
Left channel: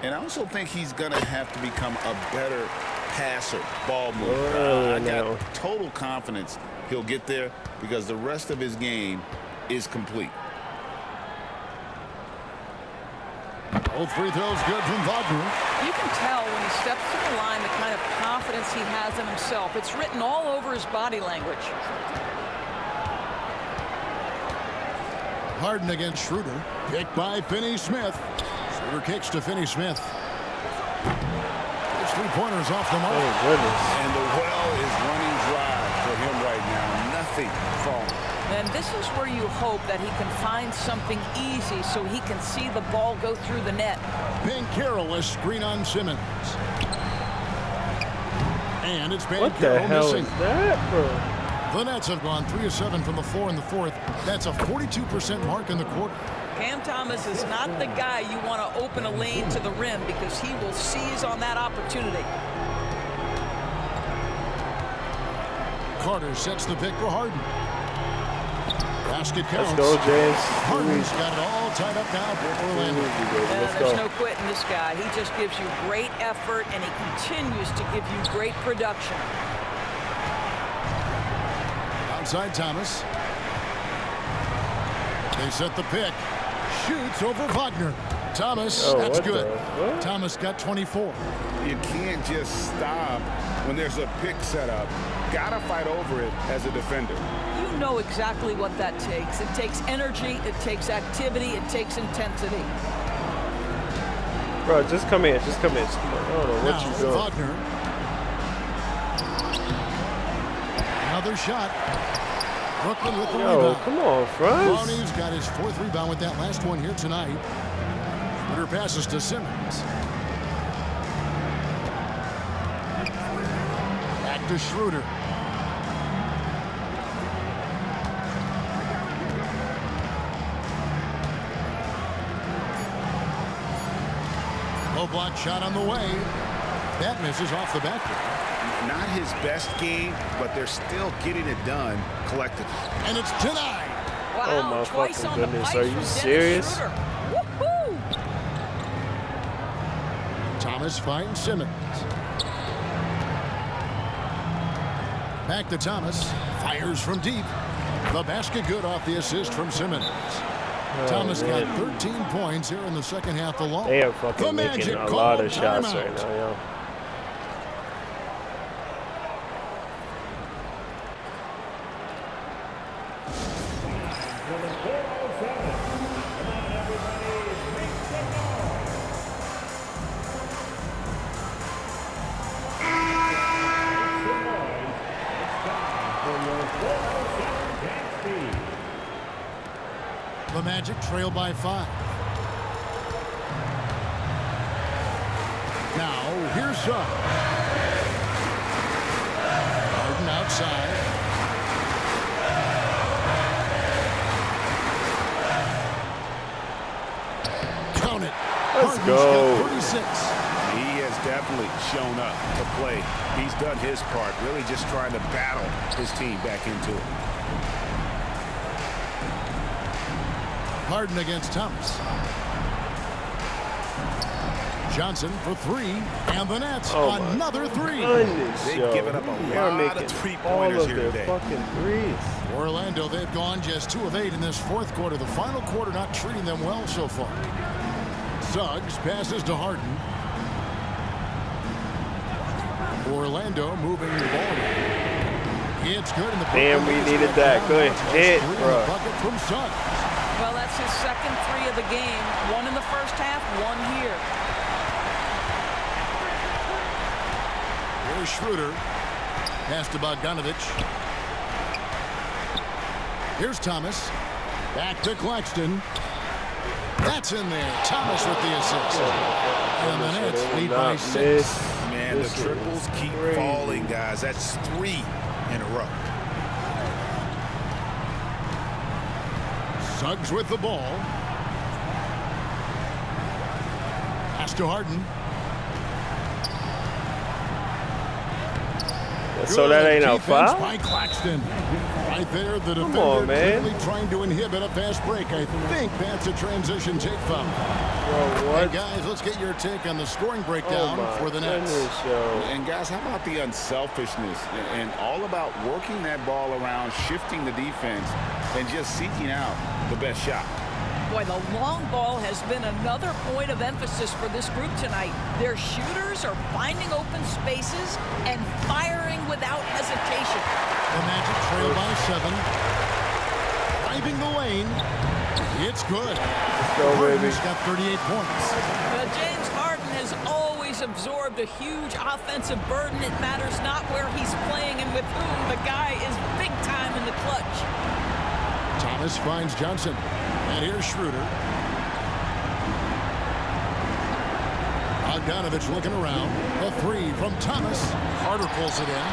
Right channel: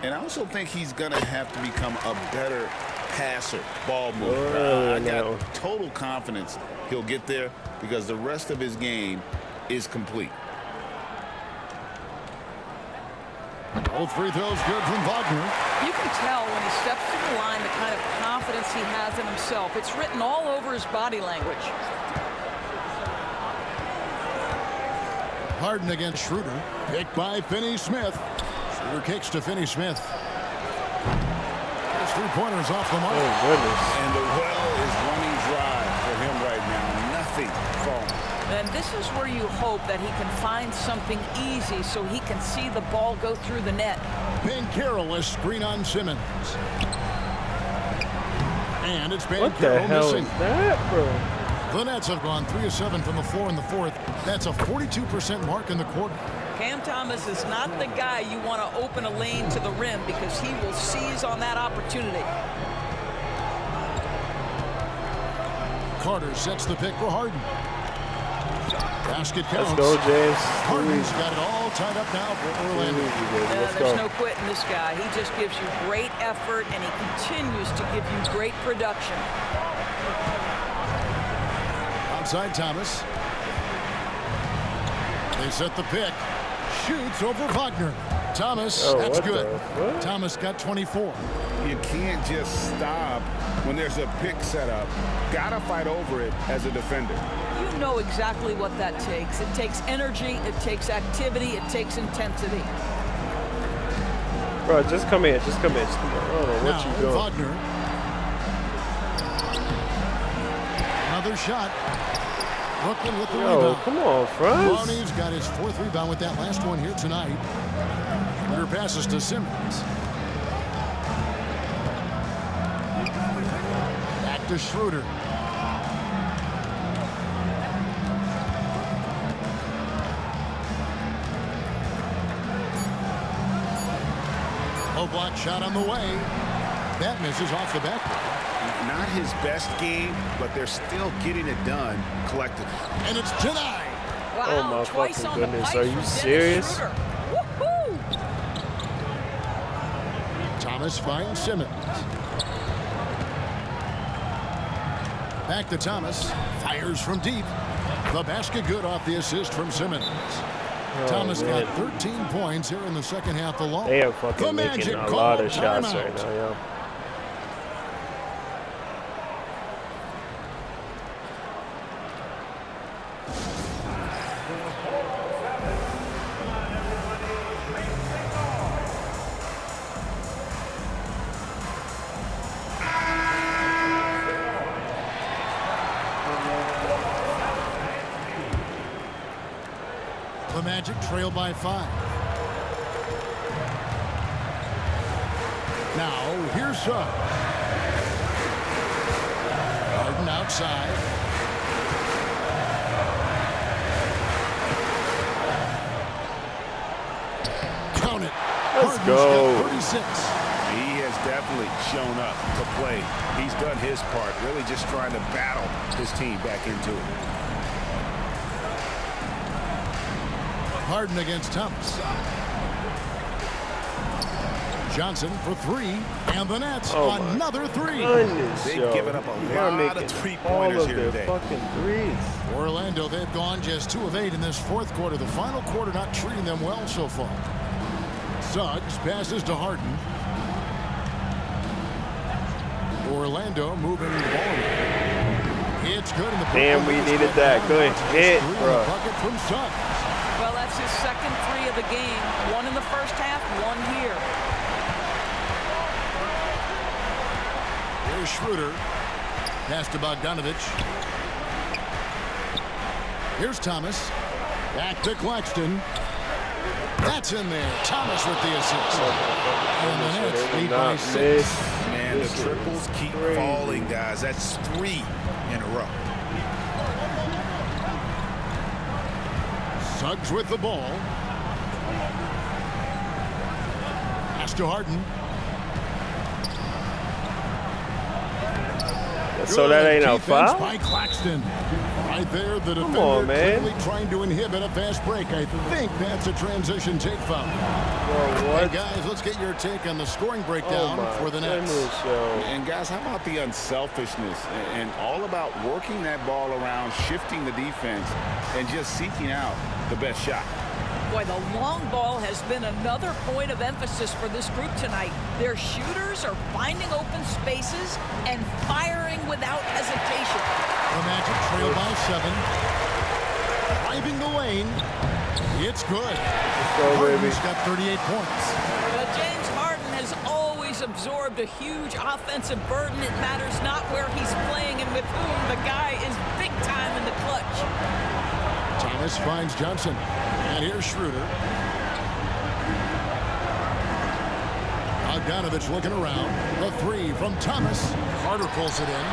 And I also think he's going to have to become a better passer, ball mover. I got total confidence he'll get there because the rest of his game is complete. Both free throws good from Wagner. You can tell when he steps to the line the kind of confidence he has in himself. It's written all over his body language. Harden against Schroeder. Picked by Finney-Smith. Schroeder kicks to Finney-Smith. His three-pointers off the mark. Oh, goodness. And the well is running dry for him right now. Nothing falling. And this is where you hope that he can find something easy so he can see the ball go through the net. Banchero a screen on Simmons. And it's Banchero What the hell missing. is that, bro? The Nets have gone 3 of 7 from the floor in the fourth. That's a 42% mark in the quarter. Cam Thomas is not the guy you want to open a lane to the rim because he will seize on that opportunity. Carter sets the pick for Harden. Basket counts. Let's go, James. Harden's got it all tied up now for Orlando. There's no quitting this guy. He just gives you great effort, and he continues to give you great production. Outside Thomas. They set the pick. Shoots over Wagner. Thomas, that's good. Thomas got 24. You can't just stop when there's a pick set up. Gotta fight over it as a defender. You know exactly what that takes. It takes energy, it takes activity, it takes intensity. Bro, just come in, just come in. Just come on. I don't know what you doing. Wagner. Another shot. Brooklyn with the rebound. Come on, Franz. Lonnie's got his 4th rebound with that last one here tonight. Schroeder passes to Simmons. Back to Schroeder. Low block shot on the way. That misses off the backboard. Not his best game, but they're still getting it done collectively. And it's denied. Wow, oh my twice fucking on goodness. The Are you serious? Woohoo! Thomas finds Simmons. Back to Thomas. Fires from deep. The basket good off the assist from Simmons. Thomas got 13 points here in the second half alone. They are fucking making a lot of shots right now, yo. The Magic trail by 5. Now, here's Suggs. Harden outside. Count it. Let's Harden's go. got 36. He has definitely shown up to play. He's done his part, really just trying to battle his team back into it. Harden against Thomas. Johnson for 3, and the Nets another 3. They've given up a lot of three-pointers here today. Fucking threes. Orlando, they've gone just 2 of 8 in this fourth quarter. The final quarter not treating them well so far. Suggs passes to Harden. Orlando moving the ball around. It's good in the Damn, we needed that. Good hit, bro. Bucket from Suggs. Well, that's his second 3 of the game. 1 in the first half, 1 here. Here's Schroeder. Pass to Bogdanovich. Here's Thomas. Back to Claxton. That's in there. Thomas with the assist. And the Nets lead by 6. Man, the triples keep falling, guys. That's 3 in a row. Suggs with the ball. Pass to Harden. So that ain't no foul? By Claxton. Right there, the defender clearly trying to inhibit a fast break. I think that's a transition take foul. Bro, what? And guys, let's get your take on the scoring breakdown for the Nets. And guys, how about the unselfishness and all about working that ball around, shifting the defense, and just seeking out the best shot. Boy, the long ball has been another point of emphasis for this group tonight. Their shooters are finding open spaces and firing without hesitation. The Magic trail by 7. Driving the lane. It's good. Let's go, Harden's baby. got 38 points. James Harden has always absorbed a huge offensive burden. It matters not where he's playing and with whom. The guy is big time in the clutch. Thomas finds Johnson. And here's Schroeder. Bogdanovich looking around. The 3 from Thomas. Carter pulls it in.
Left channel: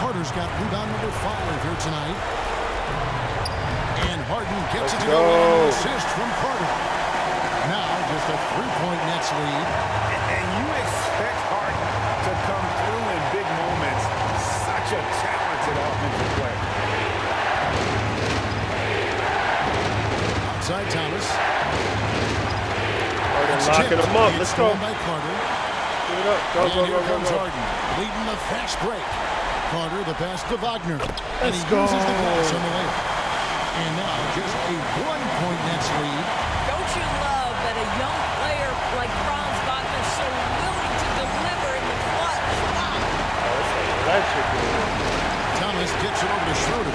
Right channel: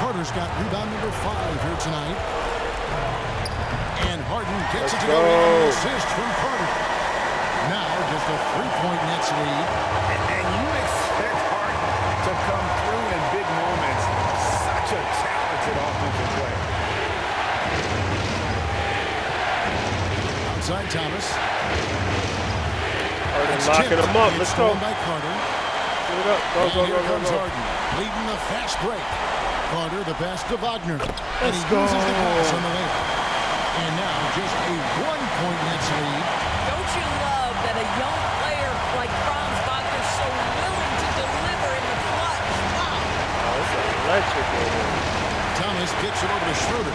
Carter's got rebound number 5 here tonight. And Harden gets it to go in on the assist from Carter. Now just a 3-point Nets lead. And you expect Harden to come through in big moments. Such a talented offensive player. Outside Thomas. Harden locking him up. Let's go. By Carter. Give it up. Go, and go, here go, comes go, go. Harden, leading the fast break. Carter, the pass to Wagner. And Let's he go. uses the pass on the way. And now just a 1-point Nets lead. Don't you love that a young player like Franz Wagner so willing to deliver in the clutch? Wow. Oh, it's electric in here. Thomas kicks it over to Schroeder.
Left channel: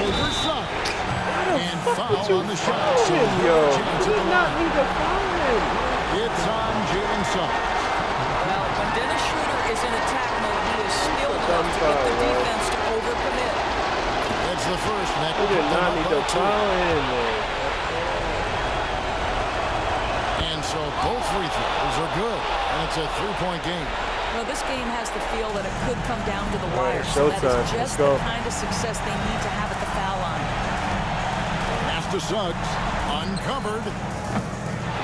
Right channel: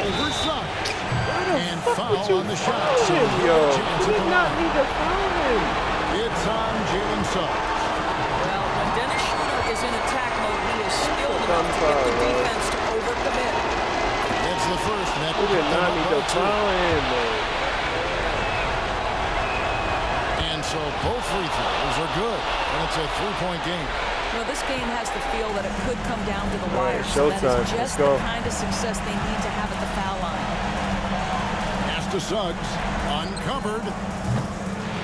Over Suggs. And foul on the shot. So Yo, chance you at the did not line. need to foul him. It's on Jalen Suggs. Well, when Dennis Schroeder is in attack mode, he is skilled enough to get the defense to overcommit. It's the first net. You did not need to foul him, man. And so both free throws are good. And it's a 3-point game. No, this game has the feel that it could come down to the wire. Right, So that showtime. is just the kind of success they need to have at the foul line. Pass to Suggs. Uncovered.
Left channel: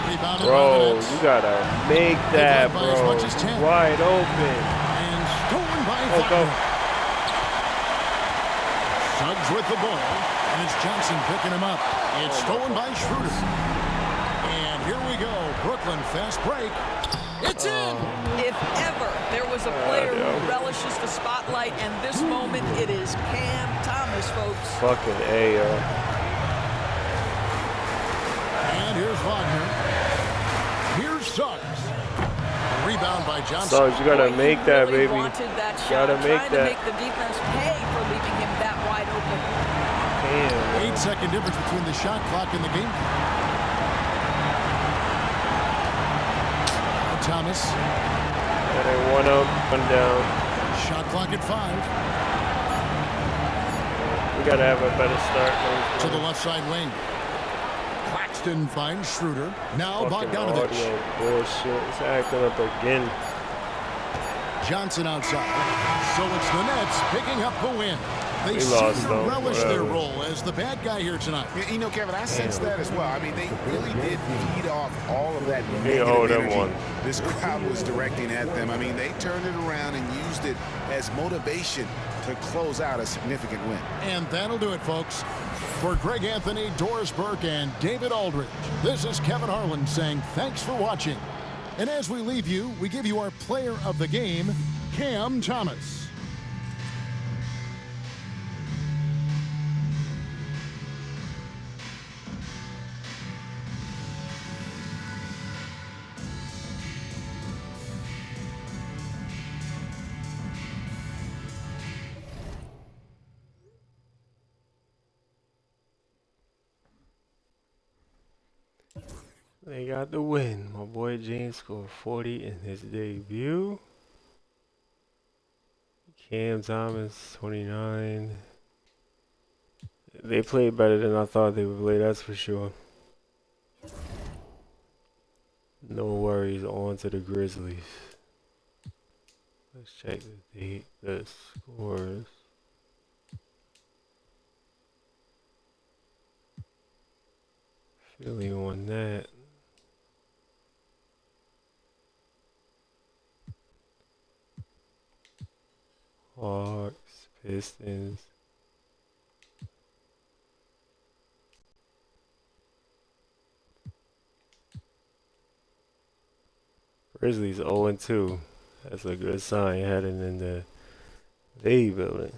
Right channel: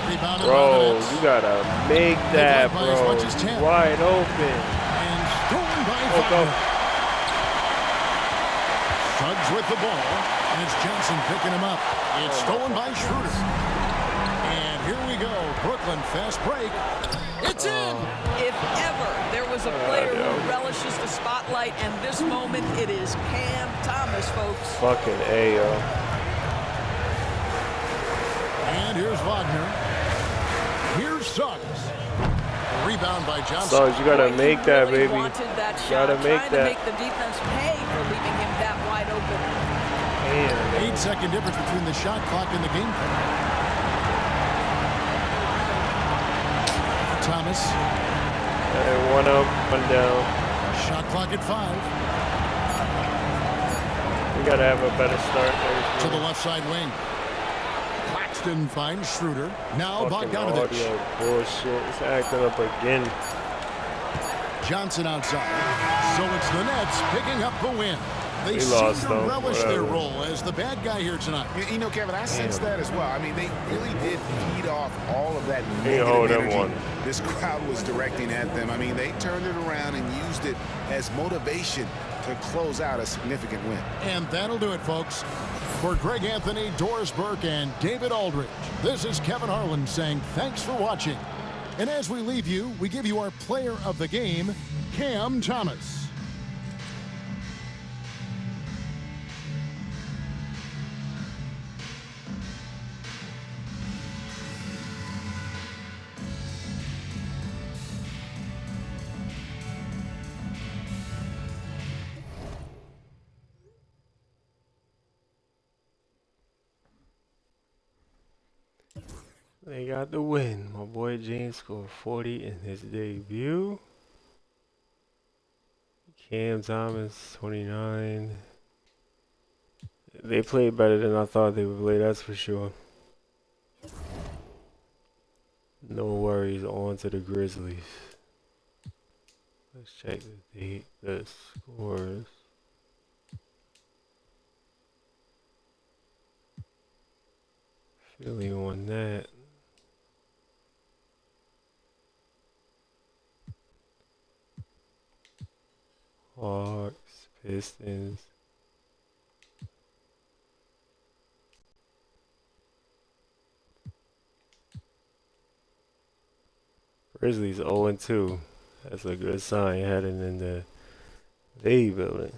Rebounded by the Bro, Nets. you gotta make that, by as bro. much as 10. Wide open. And stolen by Go, Wagner. go. Suggs with the ball. And it's Johnson picking him up. It's stolen by Schroeder. And here we go. Brooklyn fast break. It's in. If ever there was a player who relishes the spotlight, and this moment it is Cam Thomas, folks. Fucking A, yo. And here's Wagner. Here's Suggs. A rebound by Johnson. Suggs, you gotta make that, really baby. Wanted that You shot, gotta make trying that. to make the defense pay for leaving him that wide open. Damn, man. 8-second difference between the shot clock and the game clock. Thomas. Hey, 1 up, 1 down. Shot clock at 5. We gotta have a better start next To the game. left side wing. Claxton finds Schroeder. Now Fucking Bogdanovich. audio bullshit. It's acting up again. Johnson outside. So it's the Nets picking up the win. They We seem lost, to though. relish their Whatever. role as the bad guy here tonight. You know, Kevin, I sense that as well. I mean, they really did feed off all of that He negative hold him energy one. this crowd was directing at them. I mean, they turned it around and used it as motivation to close out a significant win. And that'll do it, folks. For Greg Anthony, Doris Burke, and David Aldridge, this is Kevin Harlan saying thanks for watching. And as we leave you, we give you our player of the game, Cam Thomas. They got the win. My boy James scored 40 in his debut. Cam Thomas, 29. They played better than I thought they would play, that's for sure. No worries, on to the Grizzlies. Let's check the scores. Philly on that. Hawks, Pistons. Grizzlies 0-2. That's a good sign heading into the building.